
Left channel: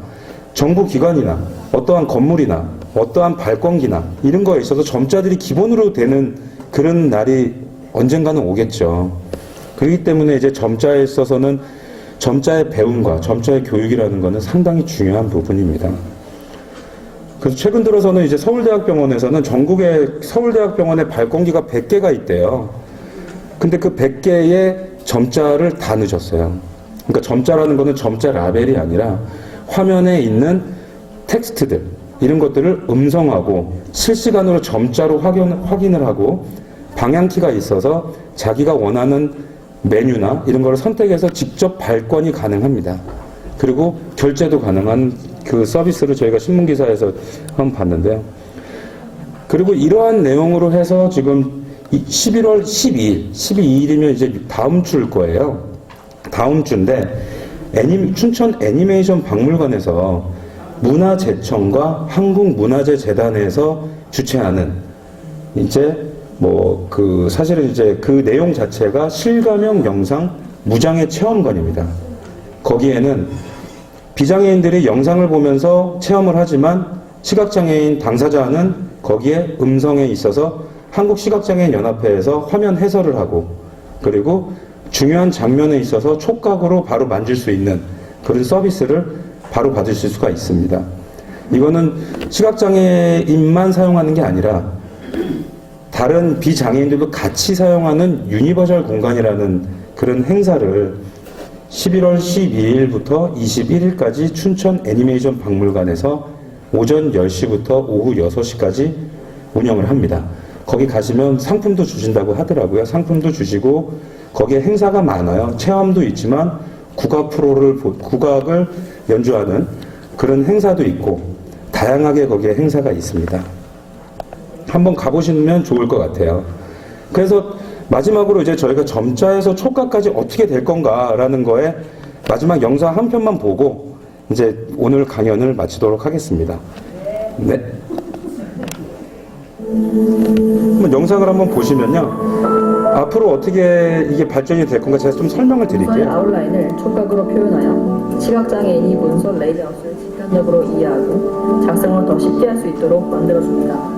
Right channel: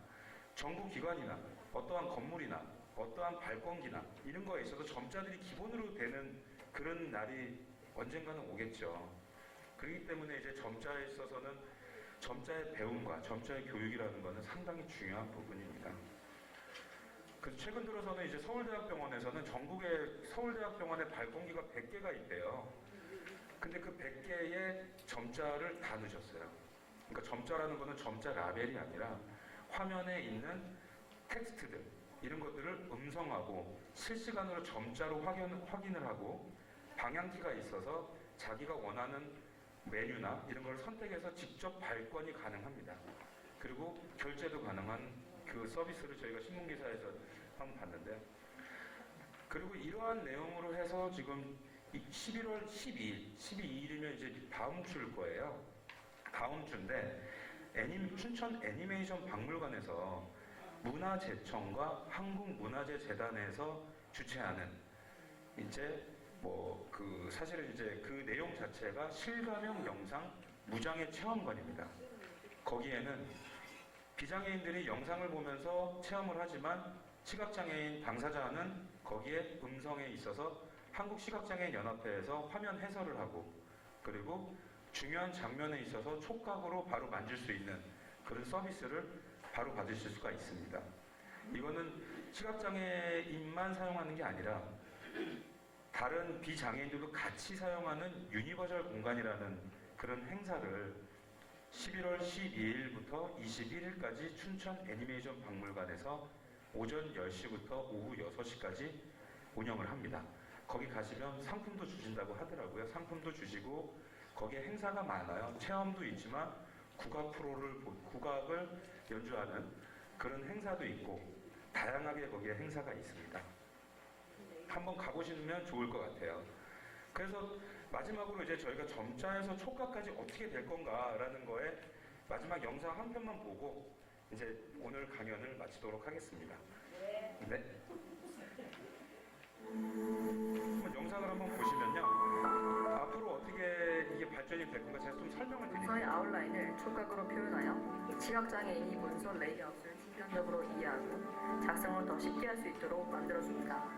정부 기관이나 어떠한 건물이나 어떠한 발권기나 이런 거에 있어서 점자들이 기본으로 되는 그런 날이 언젠가는 오겠죠. 그렇기 때문에 이제 점자에 있어서는 점자의 배움과 점자의 교육이라는 것은 상당히 중요한 부분입니다. 그래서 최근 들어서는 이제 서울대학병원에서는 전국의 서울대학병원에 발권기가 100개가 있대요. 근데 그 100개의 점자를 다 넣으셨어요. 그러니까 점자라는 것은 점자 라벨이 아니라 화면에 있는 텍스트들, 이런 것들을 음성하고 실시간으로 점자로 확인을 하고 방향키가 있어서 자기가 원하는 메뉴나 이런 거를 선택해서 직접 발권이 가능합니다. 그리고 결제도 가능한 그 서비스를 저희가 신문기사에서 한번 봤는데요. 그리고 이러한 내용으로 해서 지금 11월 12일이면 이제 다음 주일 거예요. 다음 주인데 춘천 애니메이션 박물관에서 문화재청과 한국문화재재단에서 주최하는 이제 뭐 그 사실은 이제 그 내용 자체가 실감형 영상 무장애 체험관입니다. 거기에는 비장애인들이 영상을 보면서 체험을 하지만 시각장애인 당사자는 거기에 음성에 있어서 한국시각장애인연합회에서 화면 해설을 하고, 그리고 중요한 장면에 있어서 촉각으로 바로 만질 수 있는 그런 서비스를 바로 받으실 수가 있습니다. 이거는 시각장애인만 사용하는 게 아니라 다른 비장애인들도 같이 사용하는 유니버셜 공간이라는 그런 행사를 11월 12일부터 21일까지 춘천 애니메이션 박물관에서 오전 10시부터 오후 6시까지 운영을 합니다. 거기 가시면 상품도 주신다고 하더라고요. 상품도 주시고 거기에 행사가 많아요. 체험도 있지만 국악을 연주하는 그런 행사도 있고 다양하게 거기에 행사가 있습니다. 한번 가보시면 좋을 것 같아요. 그래서 마지막으로 이제 저희가 점자에서 촉각까지 어떻게 될 건가라는 거에 마지막 영상 한 편만 보고 이제 오늘 강연을 마치도록 하겠습니다. 네. 한번 영상을 한번 보시면요. 앞으로 어떻게 이게 발전이 될 건가 제가 좀 설명을 문서의 드릴게요. 아웃라인을 촉각으로 표현하여 시각장애인이 문서 레이아웃을 직관적으로 이해하고 작성을 더 쉽게 할 수 있도록 만들어줍니다.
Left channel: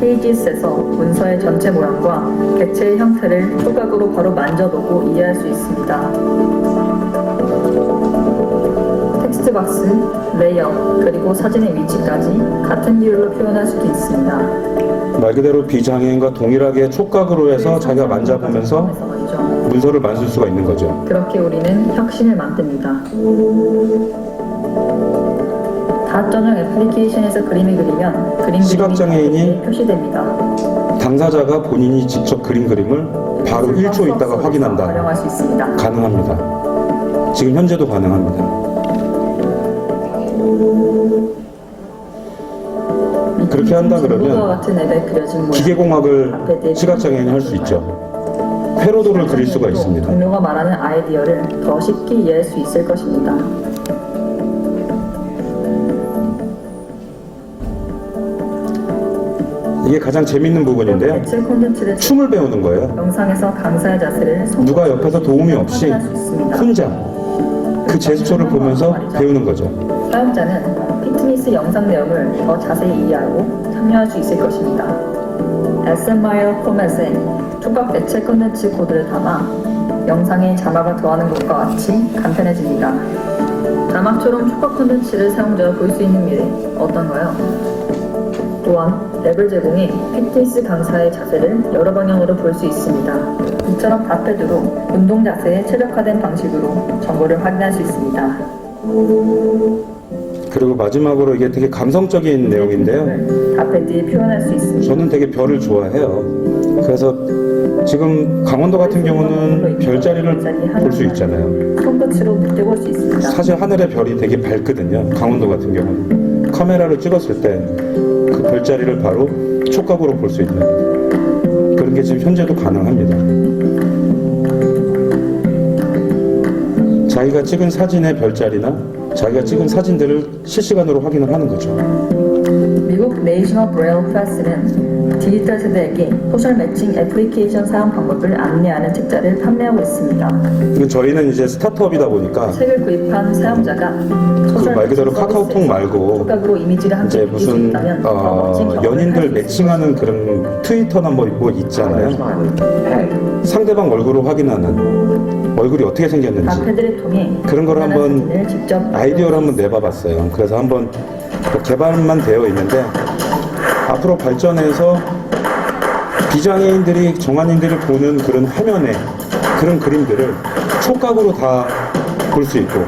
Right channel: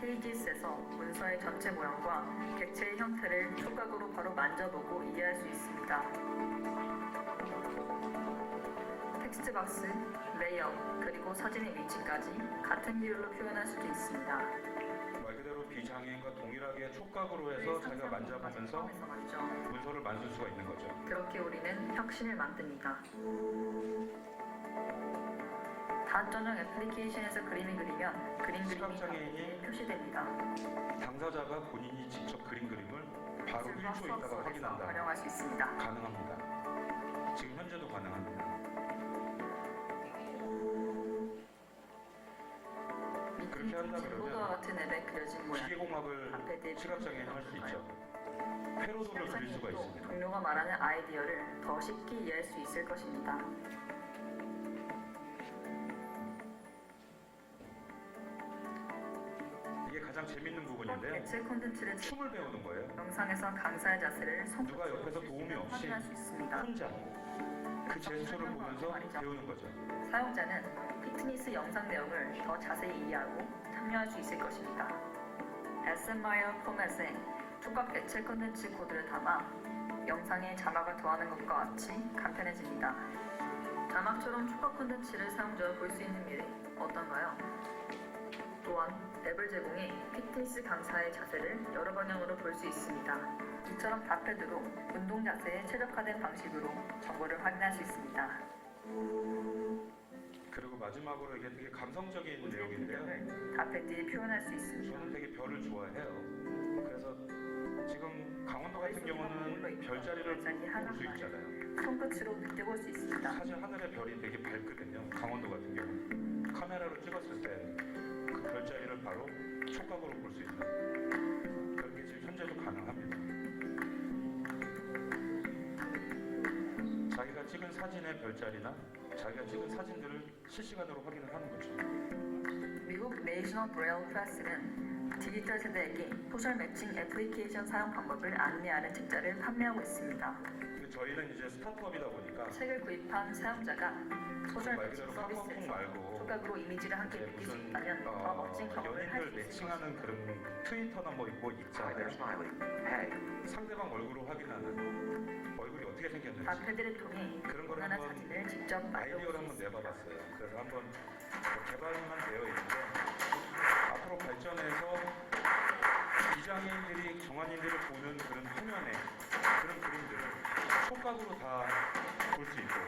페이지스에서 문서의 전체 모양과 객체의 형태를 촉각으로 바로 만져보고 이해할 수 있습니다. 텍스트 박스, 레이아웃, 그리고 사진의 위치까지 같은 비율로 표현할 수도 있습니다. 말 그대로 비장애인과 동일하게 촉각으로 해서 자기가 만져보면서 문서를 만질 수가 있는 거죠. 그렇게 우리는 혁신을 만듭니다. 닷 전용 애플리케이션에서 그림을 그리면 그림 시각장애인이 그림이 표시됩니다. 당사자가 본인이 직접 그린 그림을 바로 1초 있다가 확인한다. 활용할 수 있습니다. 가능합니다. 지금 현재도 가능합니다. 그렇게 한다 그러면 같은 앱에 그려진 모양, 기계공학을 시각장애인이 할 수 있죠. 회로도를 그릴 수가 있습니다. 동료가 말하는 아이디어를 더 쉽게 이해할 수 있을 것입니다. 이게 가장 재밌는 부분인데요. 대체 콘텐츠를 춤을 배우는 거예요. 영상에서 강사의 자세를 누가 옆에서 도움이 없이 확인할 수 있습니다. 혼자 그 제스처를 보면서 배우는 거죠. 사용자는 피트니스 영상 내용을 더 자세히 이해하고 참여할 수 있을 것입니다. SMIL 포맷에 촉각 대체 콘텐츠 코드를 담아 영상에 자막을 더하는 것과 같이 간편해집니다. 자막처럼 촉각 콘텐츠를 사용자가 볼 수 있는 미래 어떤가요? 또한 앱을 제공해 피트니스 강사의 자세를 여러 방향으로 볼 수 있습니다. 이처럼 답패드로 운동 자세에 최적화된 방식으로 정보를 확인할 수 있습니다. 그리고 마지막으로 이게 되게 감성적인 내용인데요. 답패드에 표현할 수 있습니다. 저는 되게 별을 좋아해요. 그래서 지금 강원도 같은 경우는 별자리를 볼 수 있잖아요. 손끝으로 떼볼 수 있습니다. 사실 하늘의 별이 되게 밝거든요. 강원도 같은 경우는 카메라를 찍었을 때 그 별자리를 바로 촉각으로 볼 수 있는 그런 게 지금 현재도 가능합니다. 자기가 찍은 사진의 별자리나 자기가 찍은 사진들을 실시간으로 확인을 하는 거죠. 미국 내셔널 브레일 프레스는 디지털 세대에게 소셜 매칭 애플리케이션 사용 방법을 안내하는 책자를 판매하고 있습니다. 저희는 이제 스타트업이다 보니까 책을 구입한 사용자가 그 말 그대로 카카오톡 말고 촉각으로 이미지를 함께 이제 느낄 수 무슨 있다면 더 멋진 경험을 연인들 할수 매칭하는 그런 트위터나 뭐 있잖아요. 상대방 얼굴을 확인하는 얼굴이 어떻게 생겼는지 답패드를 통해 그런 걸 한번 사진을 직접 아이디어를 한번 내봐봤어요. 그래서 한번 개발만 되어 있는데 앞으로 발전해서 비장애인들이 정한인들이 보는 그런 화면에 그런 그림들을 촉각으로 다 볼 수 있고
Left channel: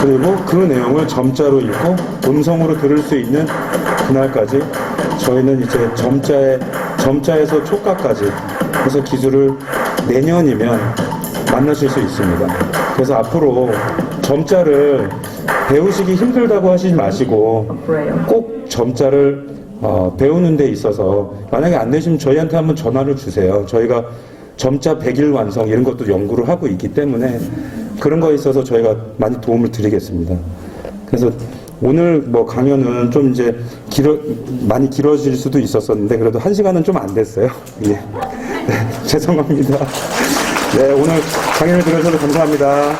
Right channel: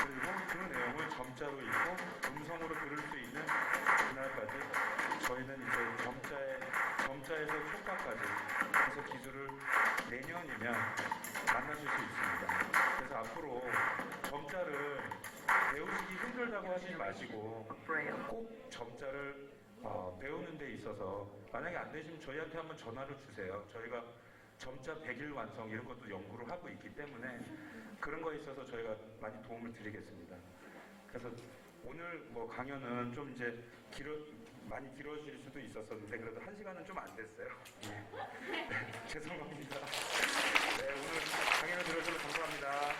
그리고 그 내용을 점자로 읽고 음성으로 들을 수 있는 그날까지 저희는 이제 점자에서 촉각까지 해서 기술을 내년이면 만나실 수 있습니다. 그래서 앞으로 점자를 배우시기 힘들다고 하시지 마시고 꼭 점자를 배우는 데 있어서 만약에 안 되시면 저희한테 한번 전화를 주세요. 저희가 점자 100일 완성 이런 것도 연구를 하고 있기 때문에 그런 거에 있어서 저희가 많이 도움을 드리겠습니다. 그래서 오늘 뭐 강연은 좀 이제 많이 길어질 수도 있었었는데 그래도 1시간은 좀 안 됐어요. 예. 네, 죄송합니다. 네, 오늘 강연을 들어주셔서 감사합니다.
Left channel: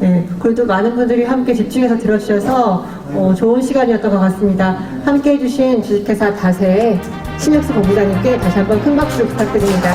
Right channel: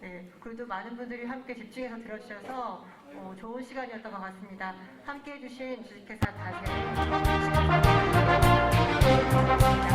네, 그래도 많은 분들이 함께 집중해서 들어주셔서 좋은 시간이었던 것 같습니다. 함께 해주신 주식회사 다세의 신혁수 본부장님께 다시 한번 큰 박수 부탁드립니다.